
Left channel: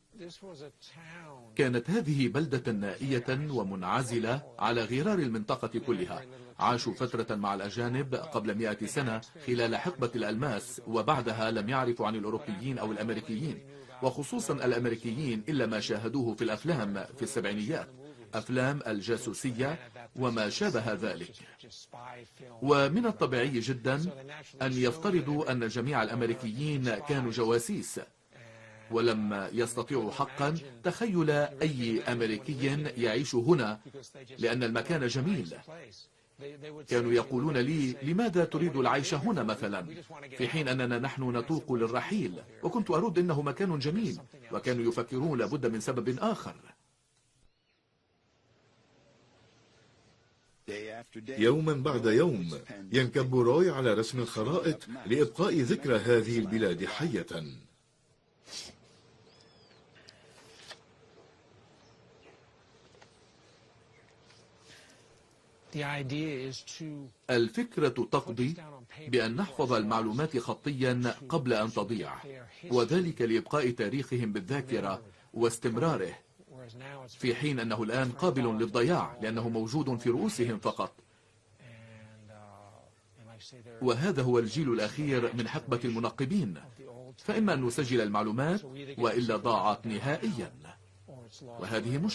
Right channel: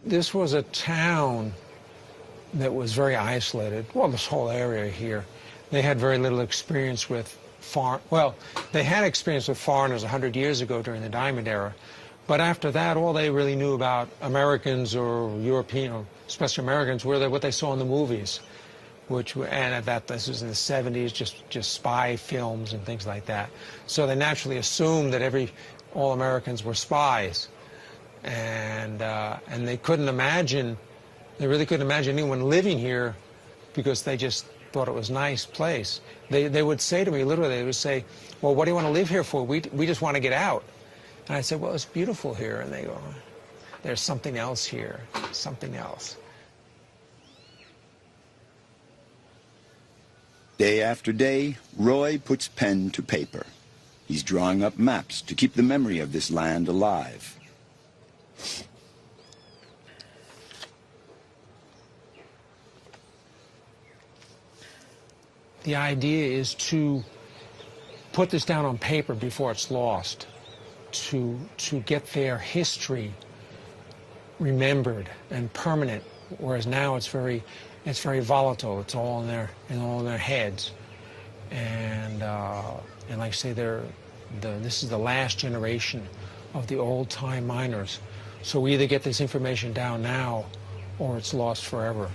This was a town that was very isolated. Well, this whole area here. They had very little experience with foreigners. Well, they had experience with foreigners 100 years ago during the Diamond Era. But after that, all they really knew about Americans or Europeans, especially Americans, were what they saw in the movies, which were, and that this was in the 70s, just spy films and things like that. So they naturally assumed that all Americans were spies. And they couldn't imagine, they really couldn't imagine anyone living here because they just thought it was a nice place. They would say to me, literally, they would say, well, what do you want to live here for? We just want to get out. And I said, well, it's beautiful here. And they go, there's something else here. Something else. Day after day, Roy puts pen to paper. He's drawing up maps to keep the memory of this land alive. The idea is to put this down on paper before it's lost, to get their history remembered and permanent, whereas now it's very volatile. It's all in their heads. And like I say, this is the last generation of the old-time miners. So we either get this information down now, or it's lost forever.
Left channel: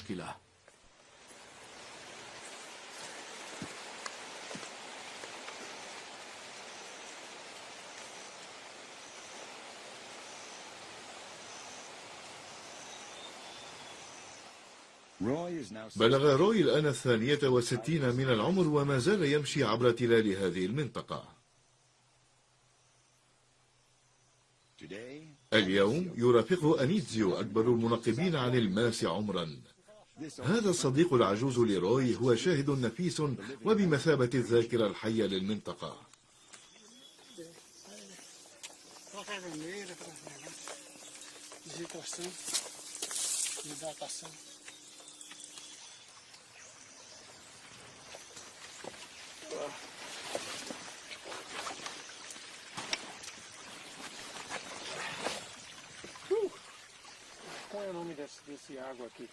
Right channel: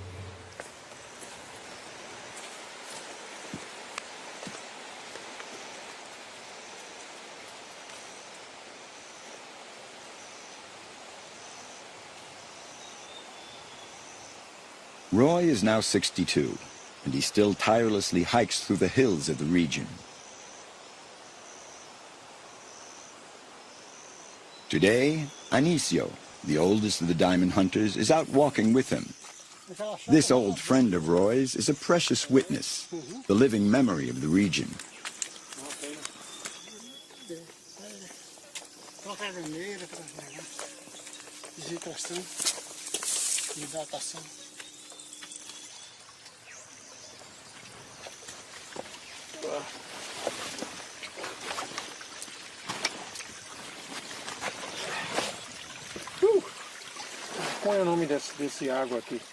Roy is now 62. He still tirelessly hikes through the hills of the region. Today, Anicio, the oldest of the diamond hunters, is out walking with him. This old friend of Roy's is a precious witness, the living memory of the region.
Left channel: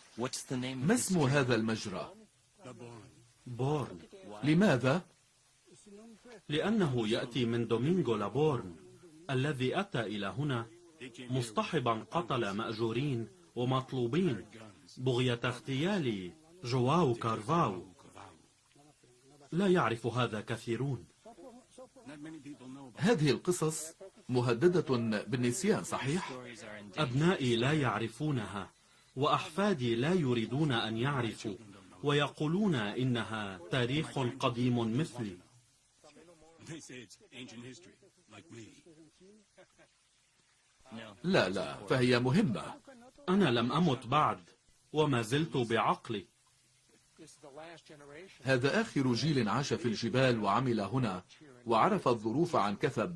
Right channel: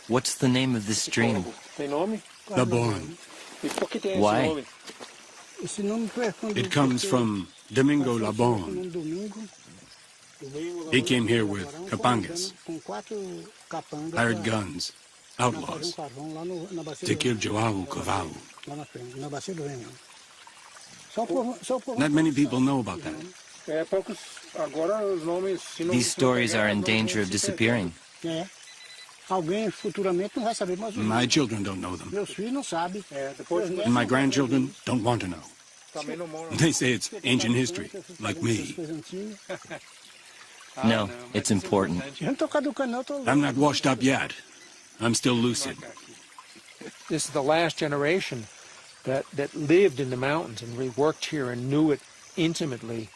What's the name of the stream? The Bourne. Why? It comes from Domingo Labon. He came here with Capangas, hired guns, outlaws, to kill Joao Cavalo. Not many people know about that. These stories are in danger of disappearing. My children don't know them. And my grandchildren don't want to know. They say it's ancient history, like me. No, it's important. I'm not washed up yet. I'm still lucid. This is the last generation that lived in the mountains, that worked here and knew it intimately.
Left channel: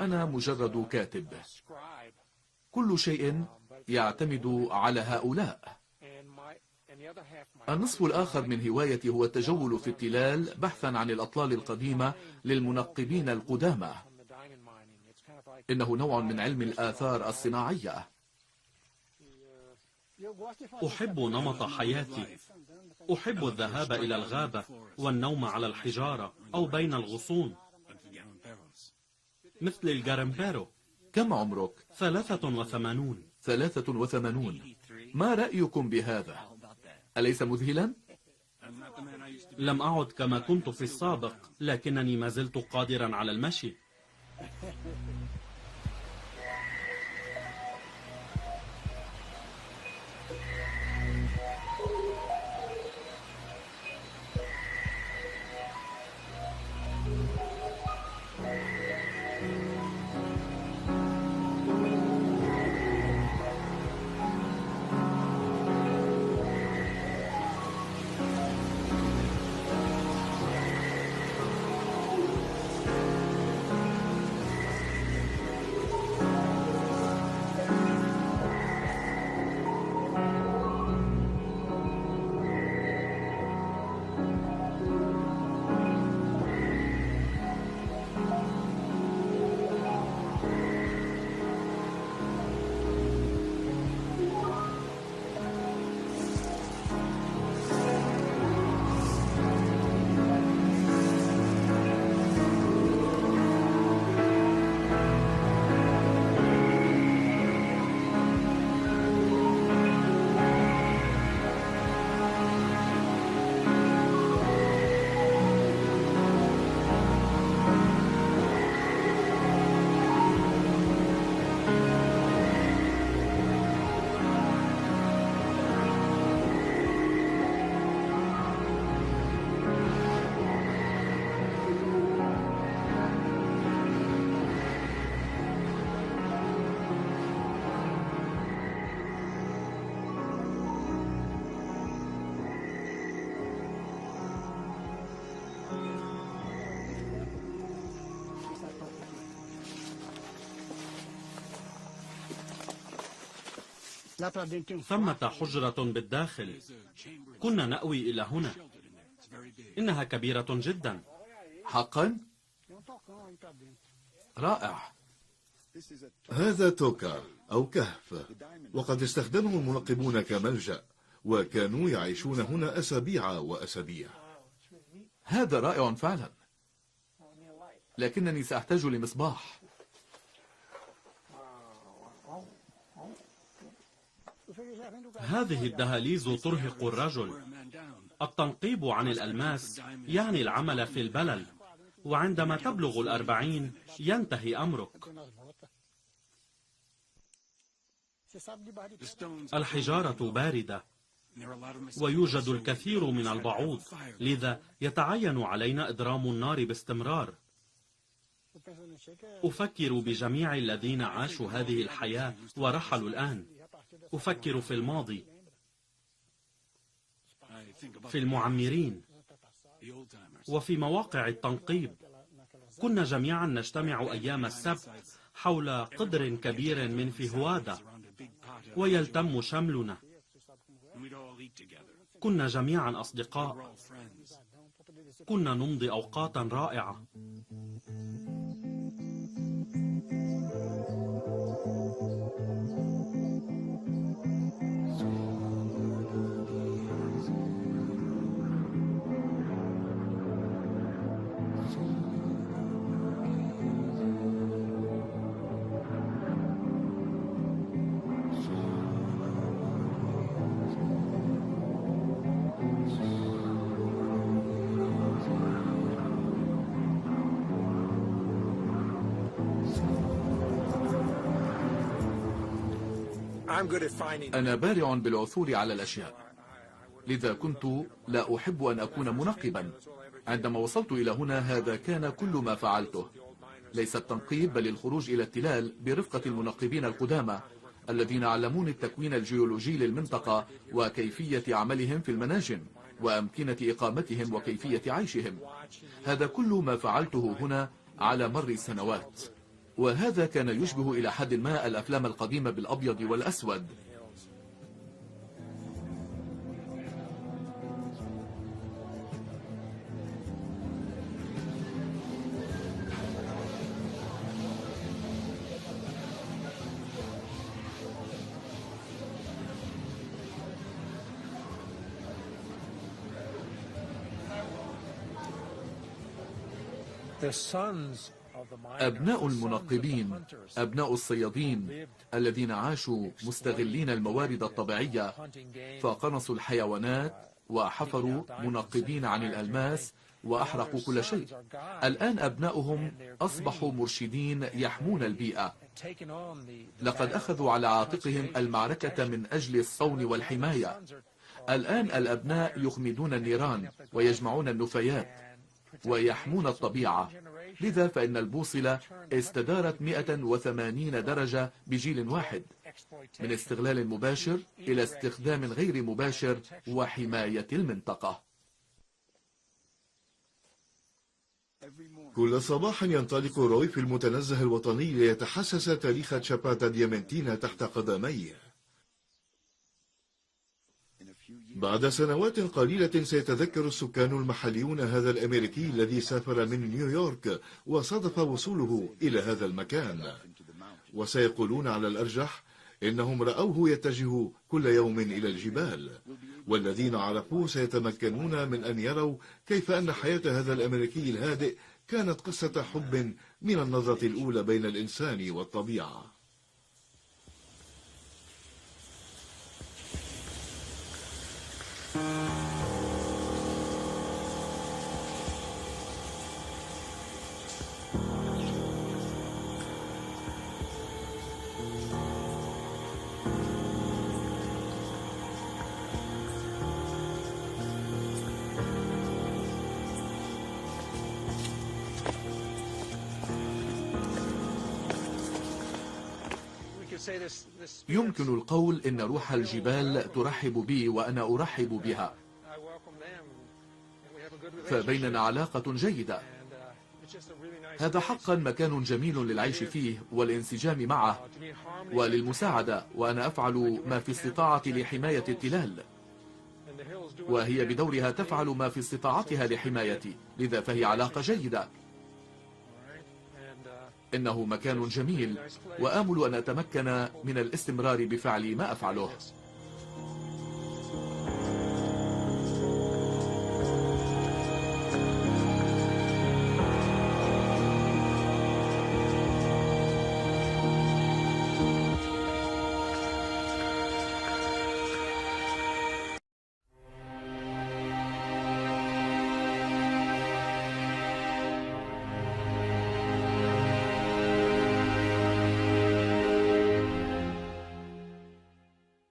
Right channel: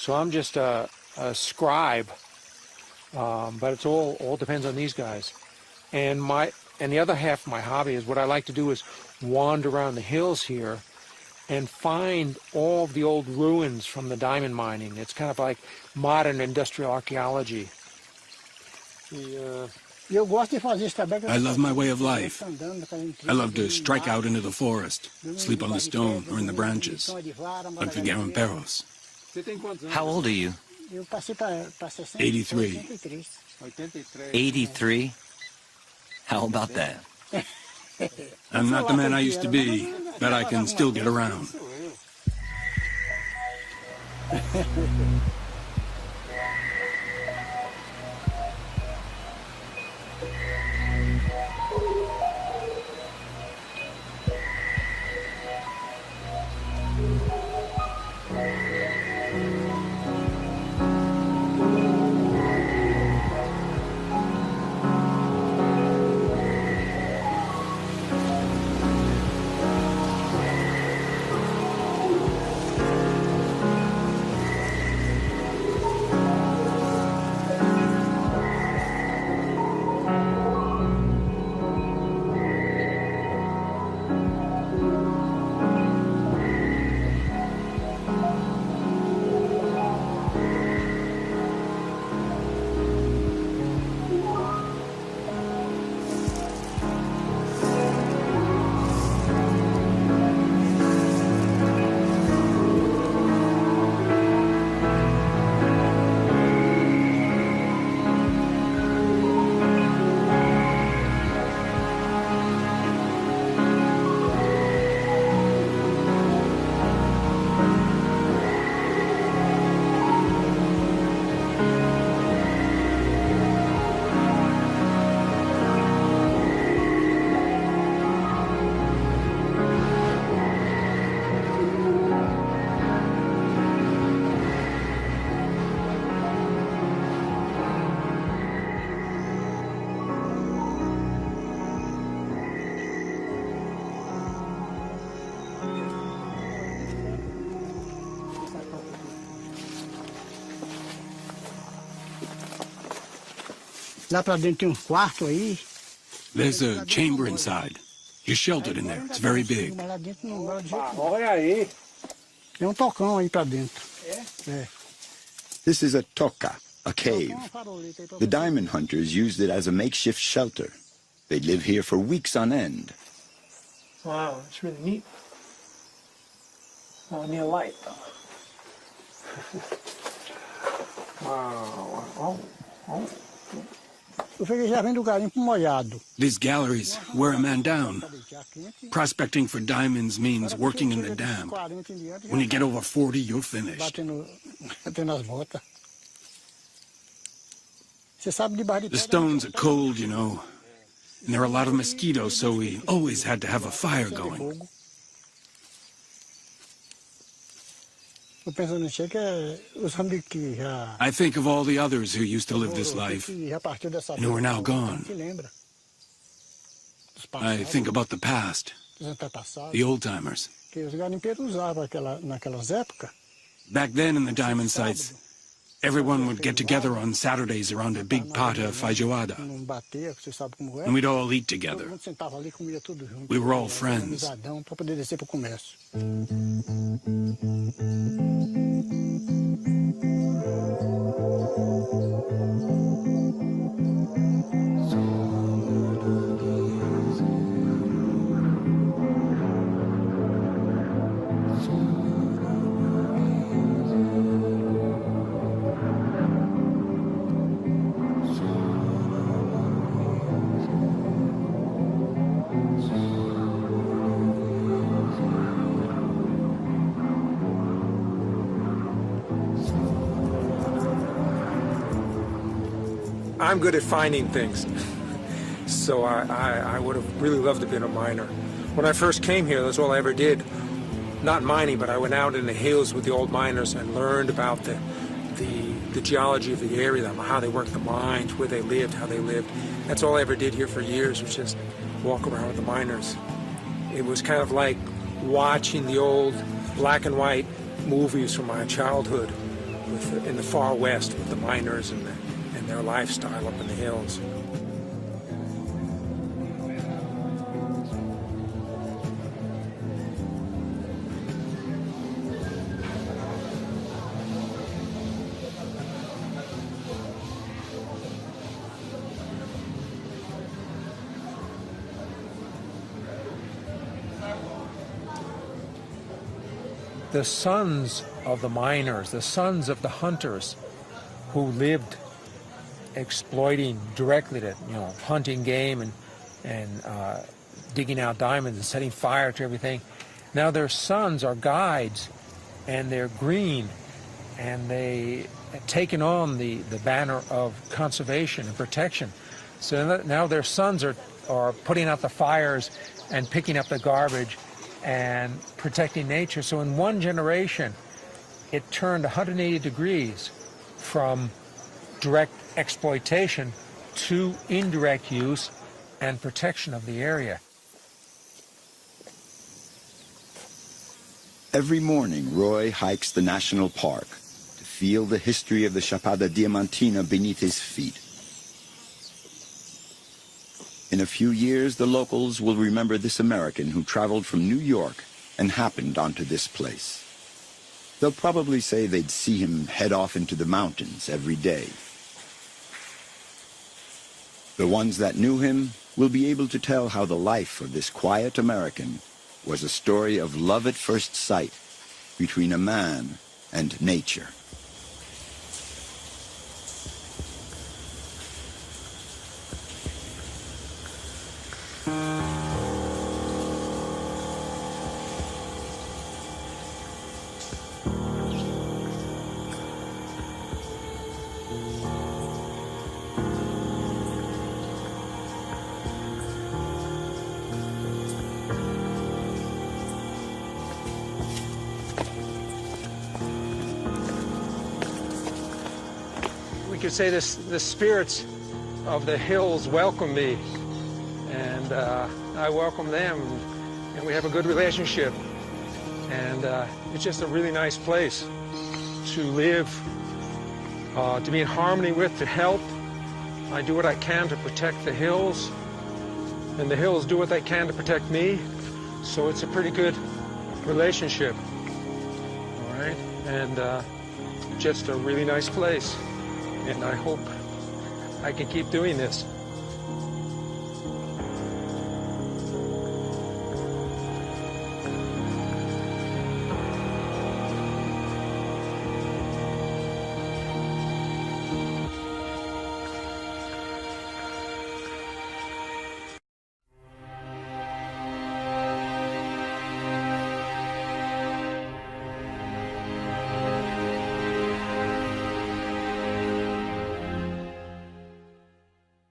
So I'm just a scribe, but it all depends on these guys. And the other half of my hobby is what I like to do is wander around the hills here and find all of the old ruins from the diamond mining. It's kind of like modern industrial archaeology. I love my way of life. I love to strike out into the forest, sleep on the stone or in the branches, like the Garamperos. How old are you? 83. 83? How about that? I'm not the man I used to be, but I can still get around. There's a chamber inside. You're sheltered in there. It's very big. This is a toka, a cave. The diamond hunters used it as a makeshift shelter. They live here for weeks on end. Wow, it's really neat. هذا رائع فعلا. I need a light. لكنني سأحتاج لمصباح. Wow. These galleries wear a man down. Prospecting for diamonds means working in the dam. When you get over 40, you're finished. The stones are cold, you know. And there are a lot of mosquitoes, so we always had to have a fire going. I think of all the others who used to live this life and who are now gone. I think about the past, the old-timers. Back then in the diamond sites, everyone would get together on Saturdays around a big pot of feijoada, and we'd all eat together. We were all friends. I'm good at finding things, so I would have really loved to be a miner. When I first came here, that's all I ever did. Not mining, but I went out in the hills with the old miners and learned about the geology of the area, how they worked the mines, where they lived, how they lived. That's all I ever did here for years, was just walk around with the miners. It was kind of like watching the old black and white movies from my childhood. In the far west, the miners and their lifestyle up in the hills. The sons of the miners, the sons of the hunters who lived exploiting directly, hunting game and digging out diamonds and setting fire to everything. Now their sons are guides, and they're green, and they've taken on the banner of conservation and protection. So now their sons are putting out the fires and picking up the garbage and protecting nature. So in one generation, it turned 180 degrees from direct exploitation to indirect use and protection of the area. Every morning, Roy hikes the national park, feel the history of the Chapada Diamantina beneath his feet. In a few years, the locals will remember this American who traveled from New York and happened onto this place. They'll probably say they'd see him head off into the mountains every day. The ones that knew him will be able to tell how the life of this quiet American was a story of love at first sight between a man and nature. We could say the spirits of the hills welcome me, and I welcome them. and we have a good relationship. لدينا علاقة جيدة. And it's just a really nice هذا place حقا مكان جميل to للعيش live, فيه والانسجام معه to be in harmony with and help. وللمساعدة. وأنا أفعل I do what I ما في can to استطاعتي protect the لحماية hills, البلاد. and the hills do what they وهي can to بدورها protect me. تفعل ما في So استطاعتها it's a pretty لحمايتي. good إذا فهي علاقة relationship. جيدة. All right, and إنه مكان just a really جميل nice place. وآمل أن And أتمكن I hope من الاستمرار I بفعل can ما keep doing أفعله. this.